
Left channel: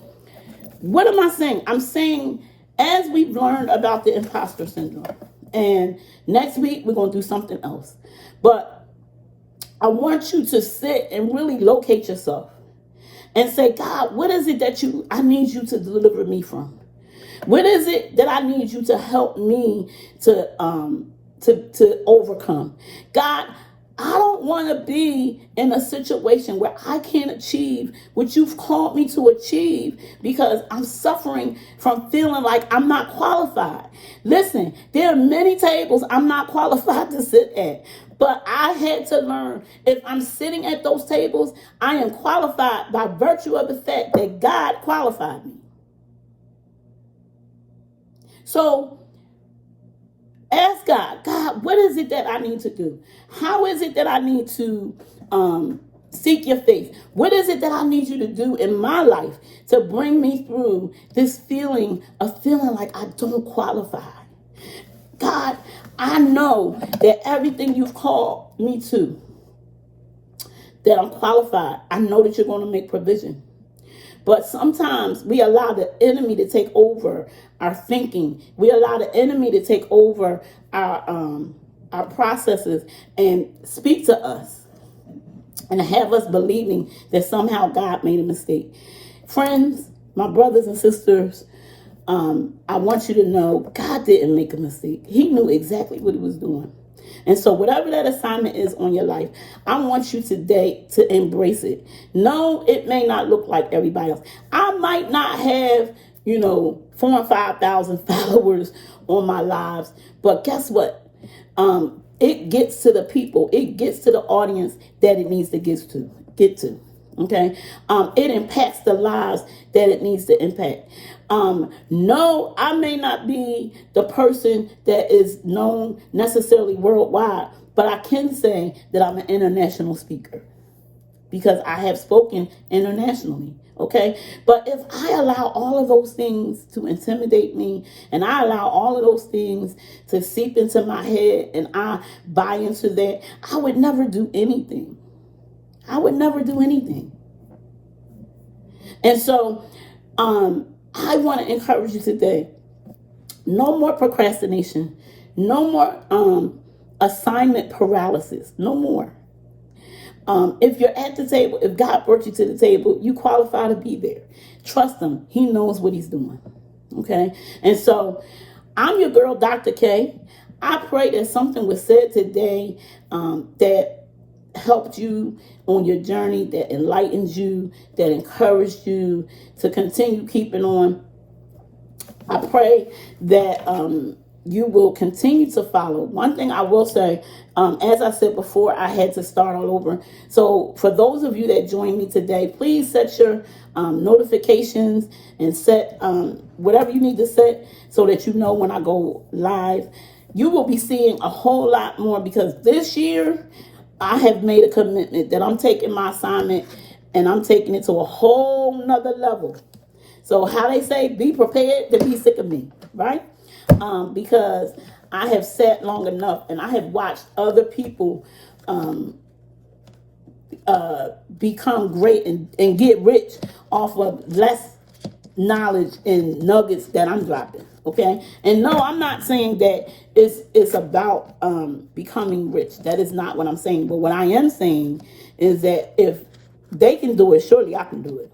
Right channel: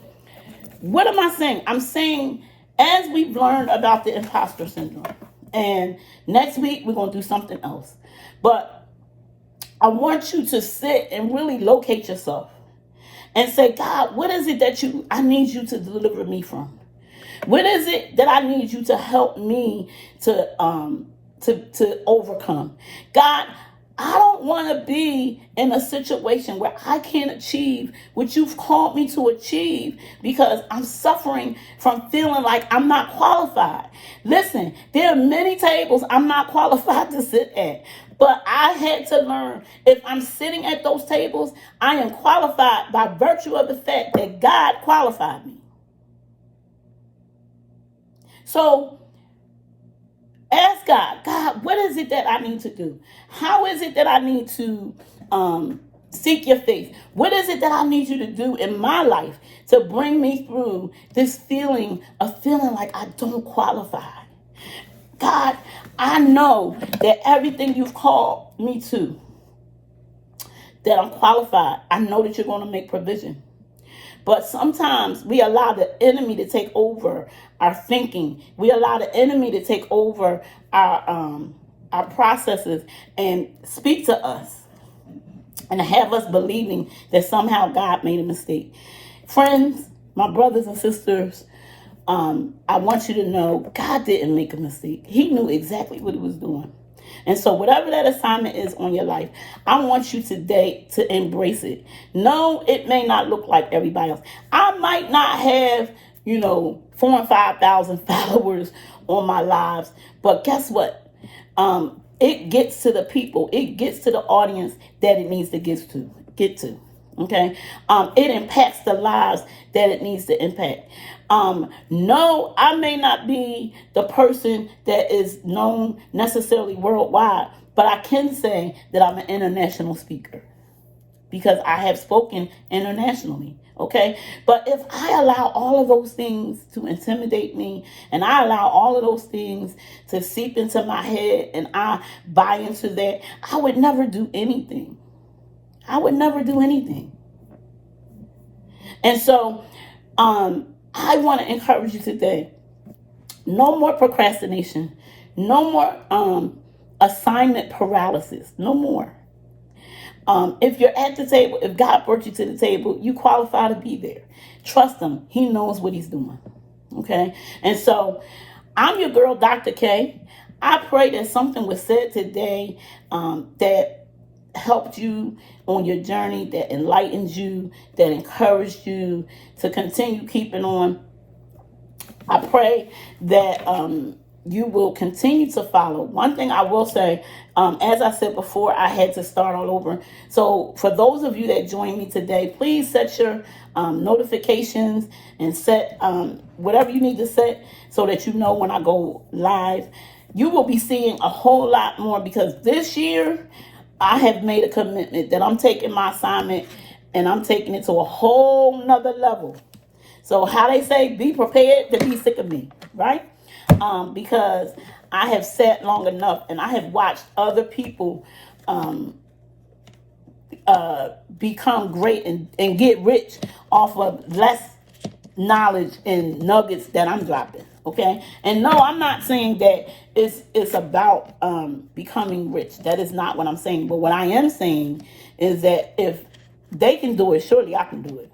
what am I saying? I'm saying, as we've learned about the imposter syndrome, and next week we're going to do something else, but I want you to sit and really locate yourself and say, God, what is it that I need you to deliver me from? What is it that I need you to help me to overcome? God, I don't want to be in a situation where I can't achieve what you've called me to achieve because I'm suffering from feeling like I'm not qualified. Listen, there are many tables I'm not qualified to sit at. But I had to learn, if I'm sitting at those tables, I am qualified by virtue of the fact that God qualified me. So ask God, God, what is it that I need to do? How is it that I need to seek your face? What is it that I need you to do in my life to bring me through this feeling of feeling like I don't qualify? God, I know that everything you've called me to, that I'm qualified. I know that you're going to make provision. But sometimes we allow the enemy to take over our thinking. We allow the enemy to take over our processes and speak to us and have us believing that somehow God made a mistake. Friends, my brothers and sisters, I want you to know God didn't make a mistake. He knew exactly what he was doing. And so whatever that assignment is on your life, I want you today to embrace it. No, it may not look like everybody else. I might not have, 4,000 and 5,000 followers on my lives, but guess what? It gets to the people. It gets to the audience that it needs to get to. Okay. It impacts the lives that it needs to impact. No, I may not be the person that is known necessarily worldwide, but I can say that I'm an international speaker because I have spoken internationally. Okay. But if I allow all of those things to intimidate me and I allow all of those things to seep into my head and I buy into that, I would never do anything. I would never do anything. And so, I want to encourage you today. No more procrastination. No more assignment paralysis. No more. If you're at the table, if God brought you to the table, you qualify to be there. Trust him. He knows what he's doing. Okay? And so, I'm your girl, Dr. K. I pray that something was said today that helped you on your journey, that enlightens you, that encouraged you to continue keeping on. I pray that you will continue to follow. One thing I will say, as I said before, I had to start all over. So for those of you that joined me today, please set your notifications and set whatever you need to set so that you know when I go live. You will be seeing a whole lot more because this year, I have made a commitment that I'm taking my assignment and I'm taking it to a whole nother level. So how they say, be prepared to be sick of me, right? Because I have sat long enough and I have watched other people become great and get rich off of less knowledge and nuggets that I'm dropping. Okay. And no, I'm not saying that it's about becoming rich. That is not what I'm saying. But what I am saying is that if they can do it, surely I can do it.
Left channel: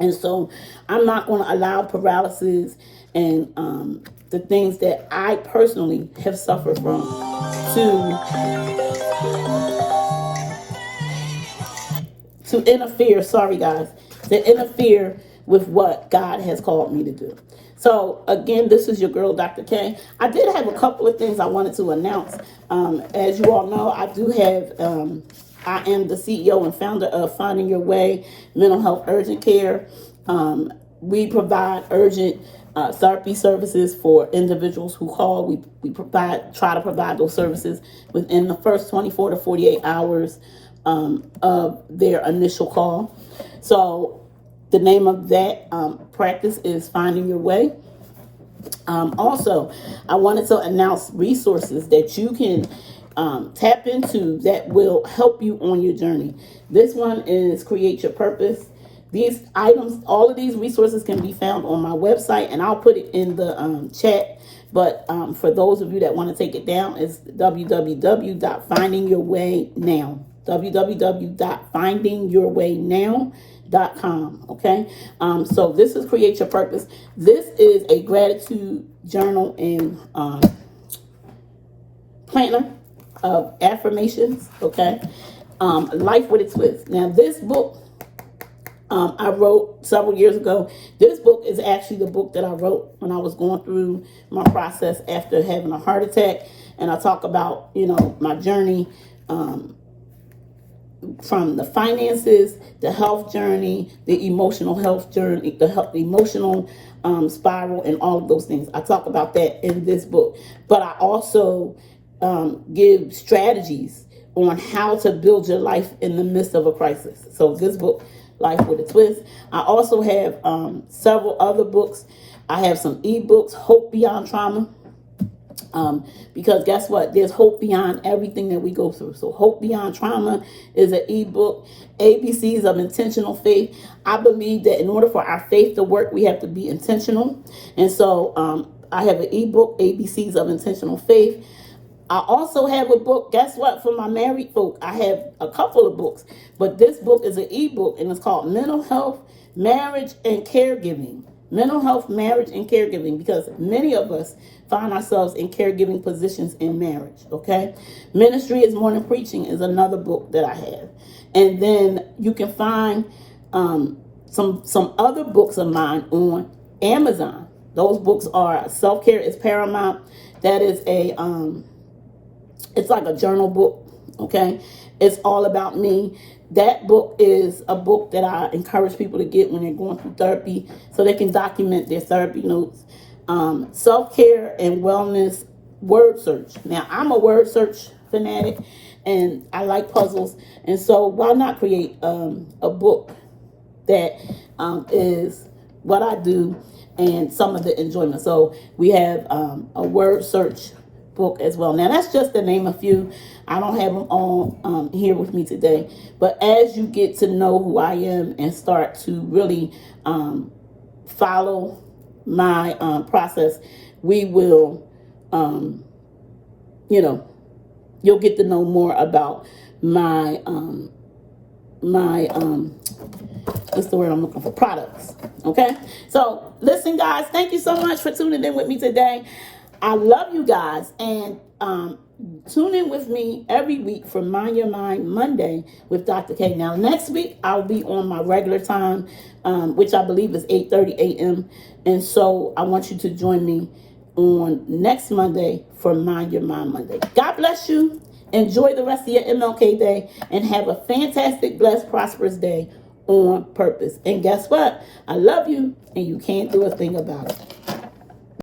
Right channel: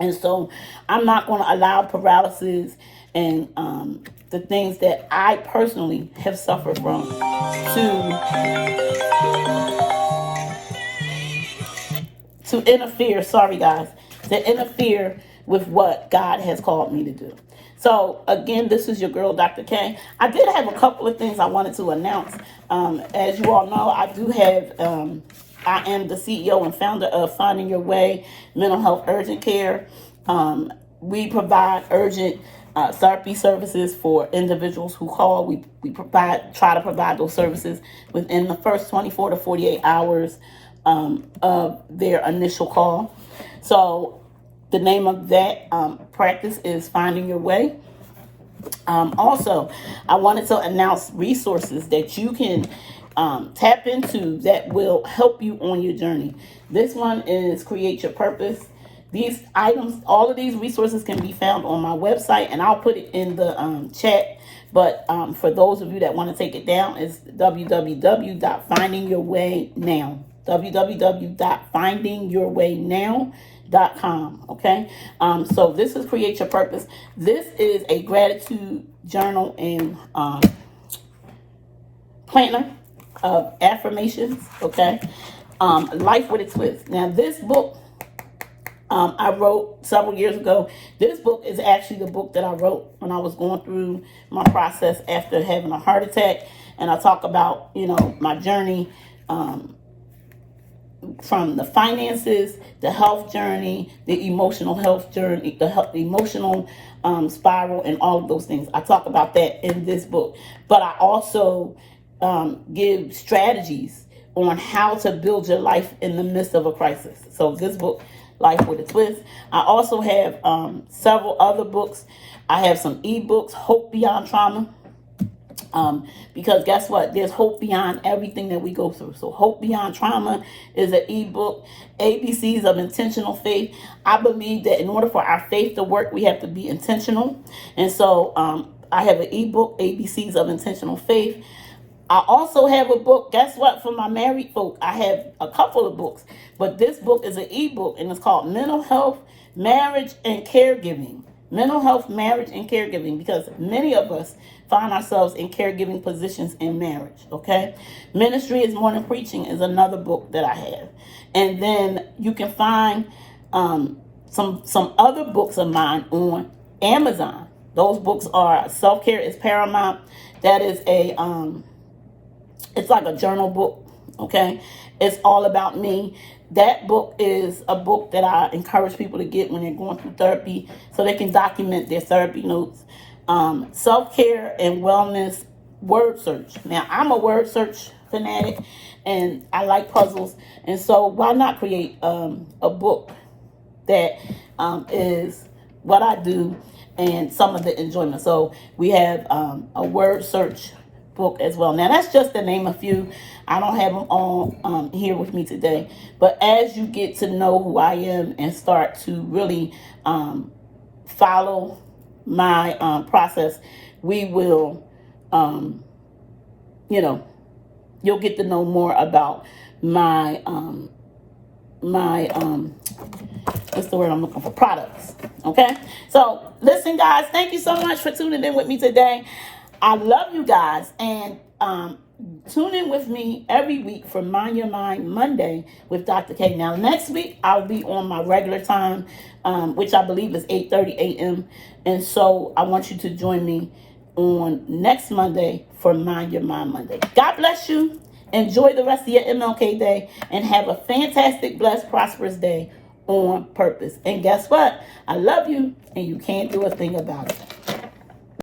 And so I'm not going to allow paralysis and the things that I personally have suffered from to interfere. Sorry, guys, to interfere with what God has called me to do. So again, this is your girl, Dr. K. I did have a couple of things I wanted to announce. As you all know, I do have, I am the CEO and founder of Finding Your Way Mental Health Urgent Care. We provide urgent therapy services for individuals who call. We try to provide those services within the first 24 to 48 hours of their initial call. So the name of that practice is Finding Your Way. Also, I wanted to announce resources that you can tap into that will help you on your journey. This one is Create Your Purpose. These items, all of these resources can be found on my website, and I'll put it in the chat. But for those of you that want to take it down, it's www.findingyourwaynow. www.findingyourwaynow.com. Okay. So this is Create Your Purpose. This is a gratitude journal and planner of affirmations, okay? Life with a Twist. Now, this book I wrote several years ago. This book is actually the book that I wrote when I was going through my process after having a heart attack. And I talk about, my journey from the finances, the health journey, the emotional health journey, the emotional spiral, and all of those things. I talk about that in this book. But I also give strategies on how to build your life in the midst of a crisis. So this book, Life with a Twist. I also have several other books. I have some ebooks, Hope Beyond Trauma. Because guess what? There's hope beyond everything that we go through. So Hope Beyond Trauma is an ebook. ABCs of Intentional Faith. I believe that in order for our faith to work, we have to be intentional. And so I have an ebook, ABCs of Intentional Faith. I also have a book, guess what, for my married folk. I have a couple of books, but this book is an ebook, and it's called Mental Health, Marriage, and Caregiving. Mental health, marriage, and caregiving, because many of us find ourselves in caregiving positions in marriage, okay? Ministry is More Than Preaching is another book that I have. And then you can find some other books of mine on Amazon. Those books are Self-Care is Paramount. That is it's like a journal book, okay? It's all about me. That book is a book that I encourage people to get when they're going through therapy so they can document their therapy notes. Self-Care and Wellness Word Search. Now, I'm a word search fanatic, and I like puzzles. And so why not create a book that is what I do and some of the enjoyment. So we have a word search book as well. Now, that's just to name a few. I don't have them all here with me today. But as you get to know who I am and start to really follow my process, we will, you'll get to know more about my what's the word I'm looking for? Products. Okay? So, listen, guys, thank you so much for tuning in with me today. I love you guys, and tune in with me every week for Mind Your Mind Monday with Dr. K. Now, next week, I'll be on my regular time, which I believe is 8:30 a.m. And so I want you to join me on next Monday for Mind Your Mind Monday. God bless you. Enjoy the rest of your MLK day and have a fantastic, blessed, prosperous day on purpose. And guess what? I love you, and you can't do a thing about it.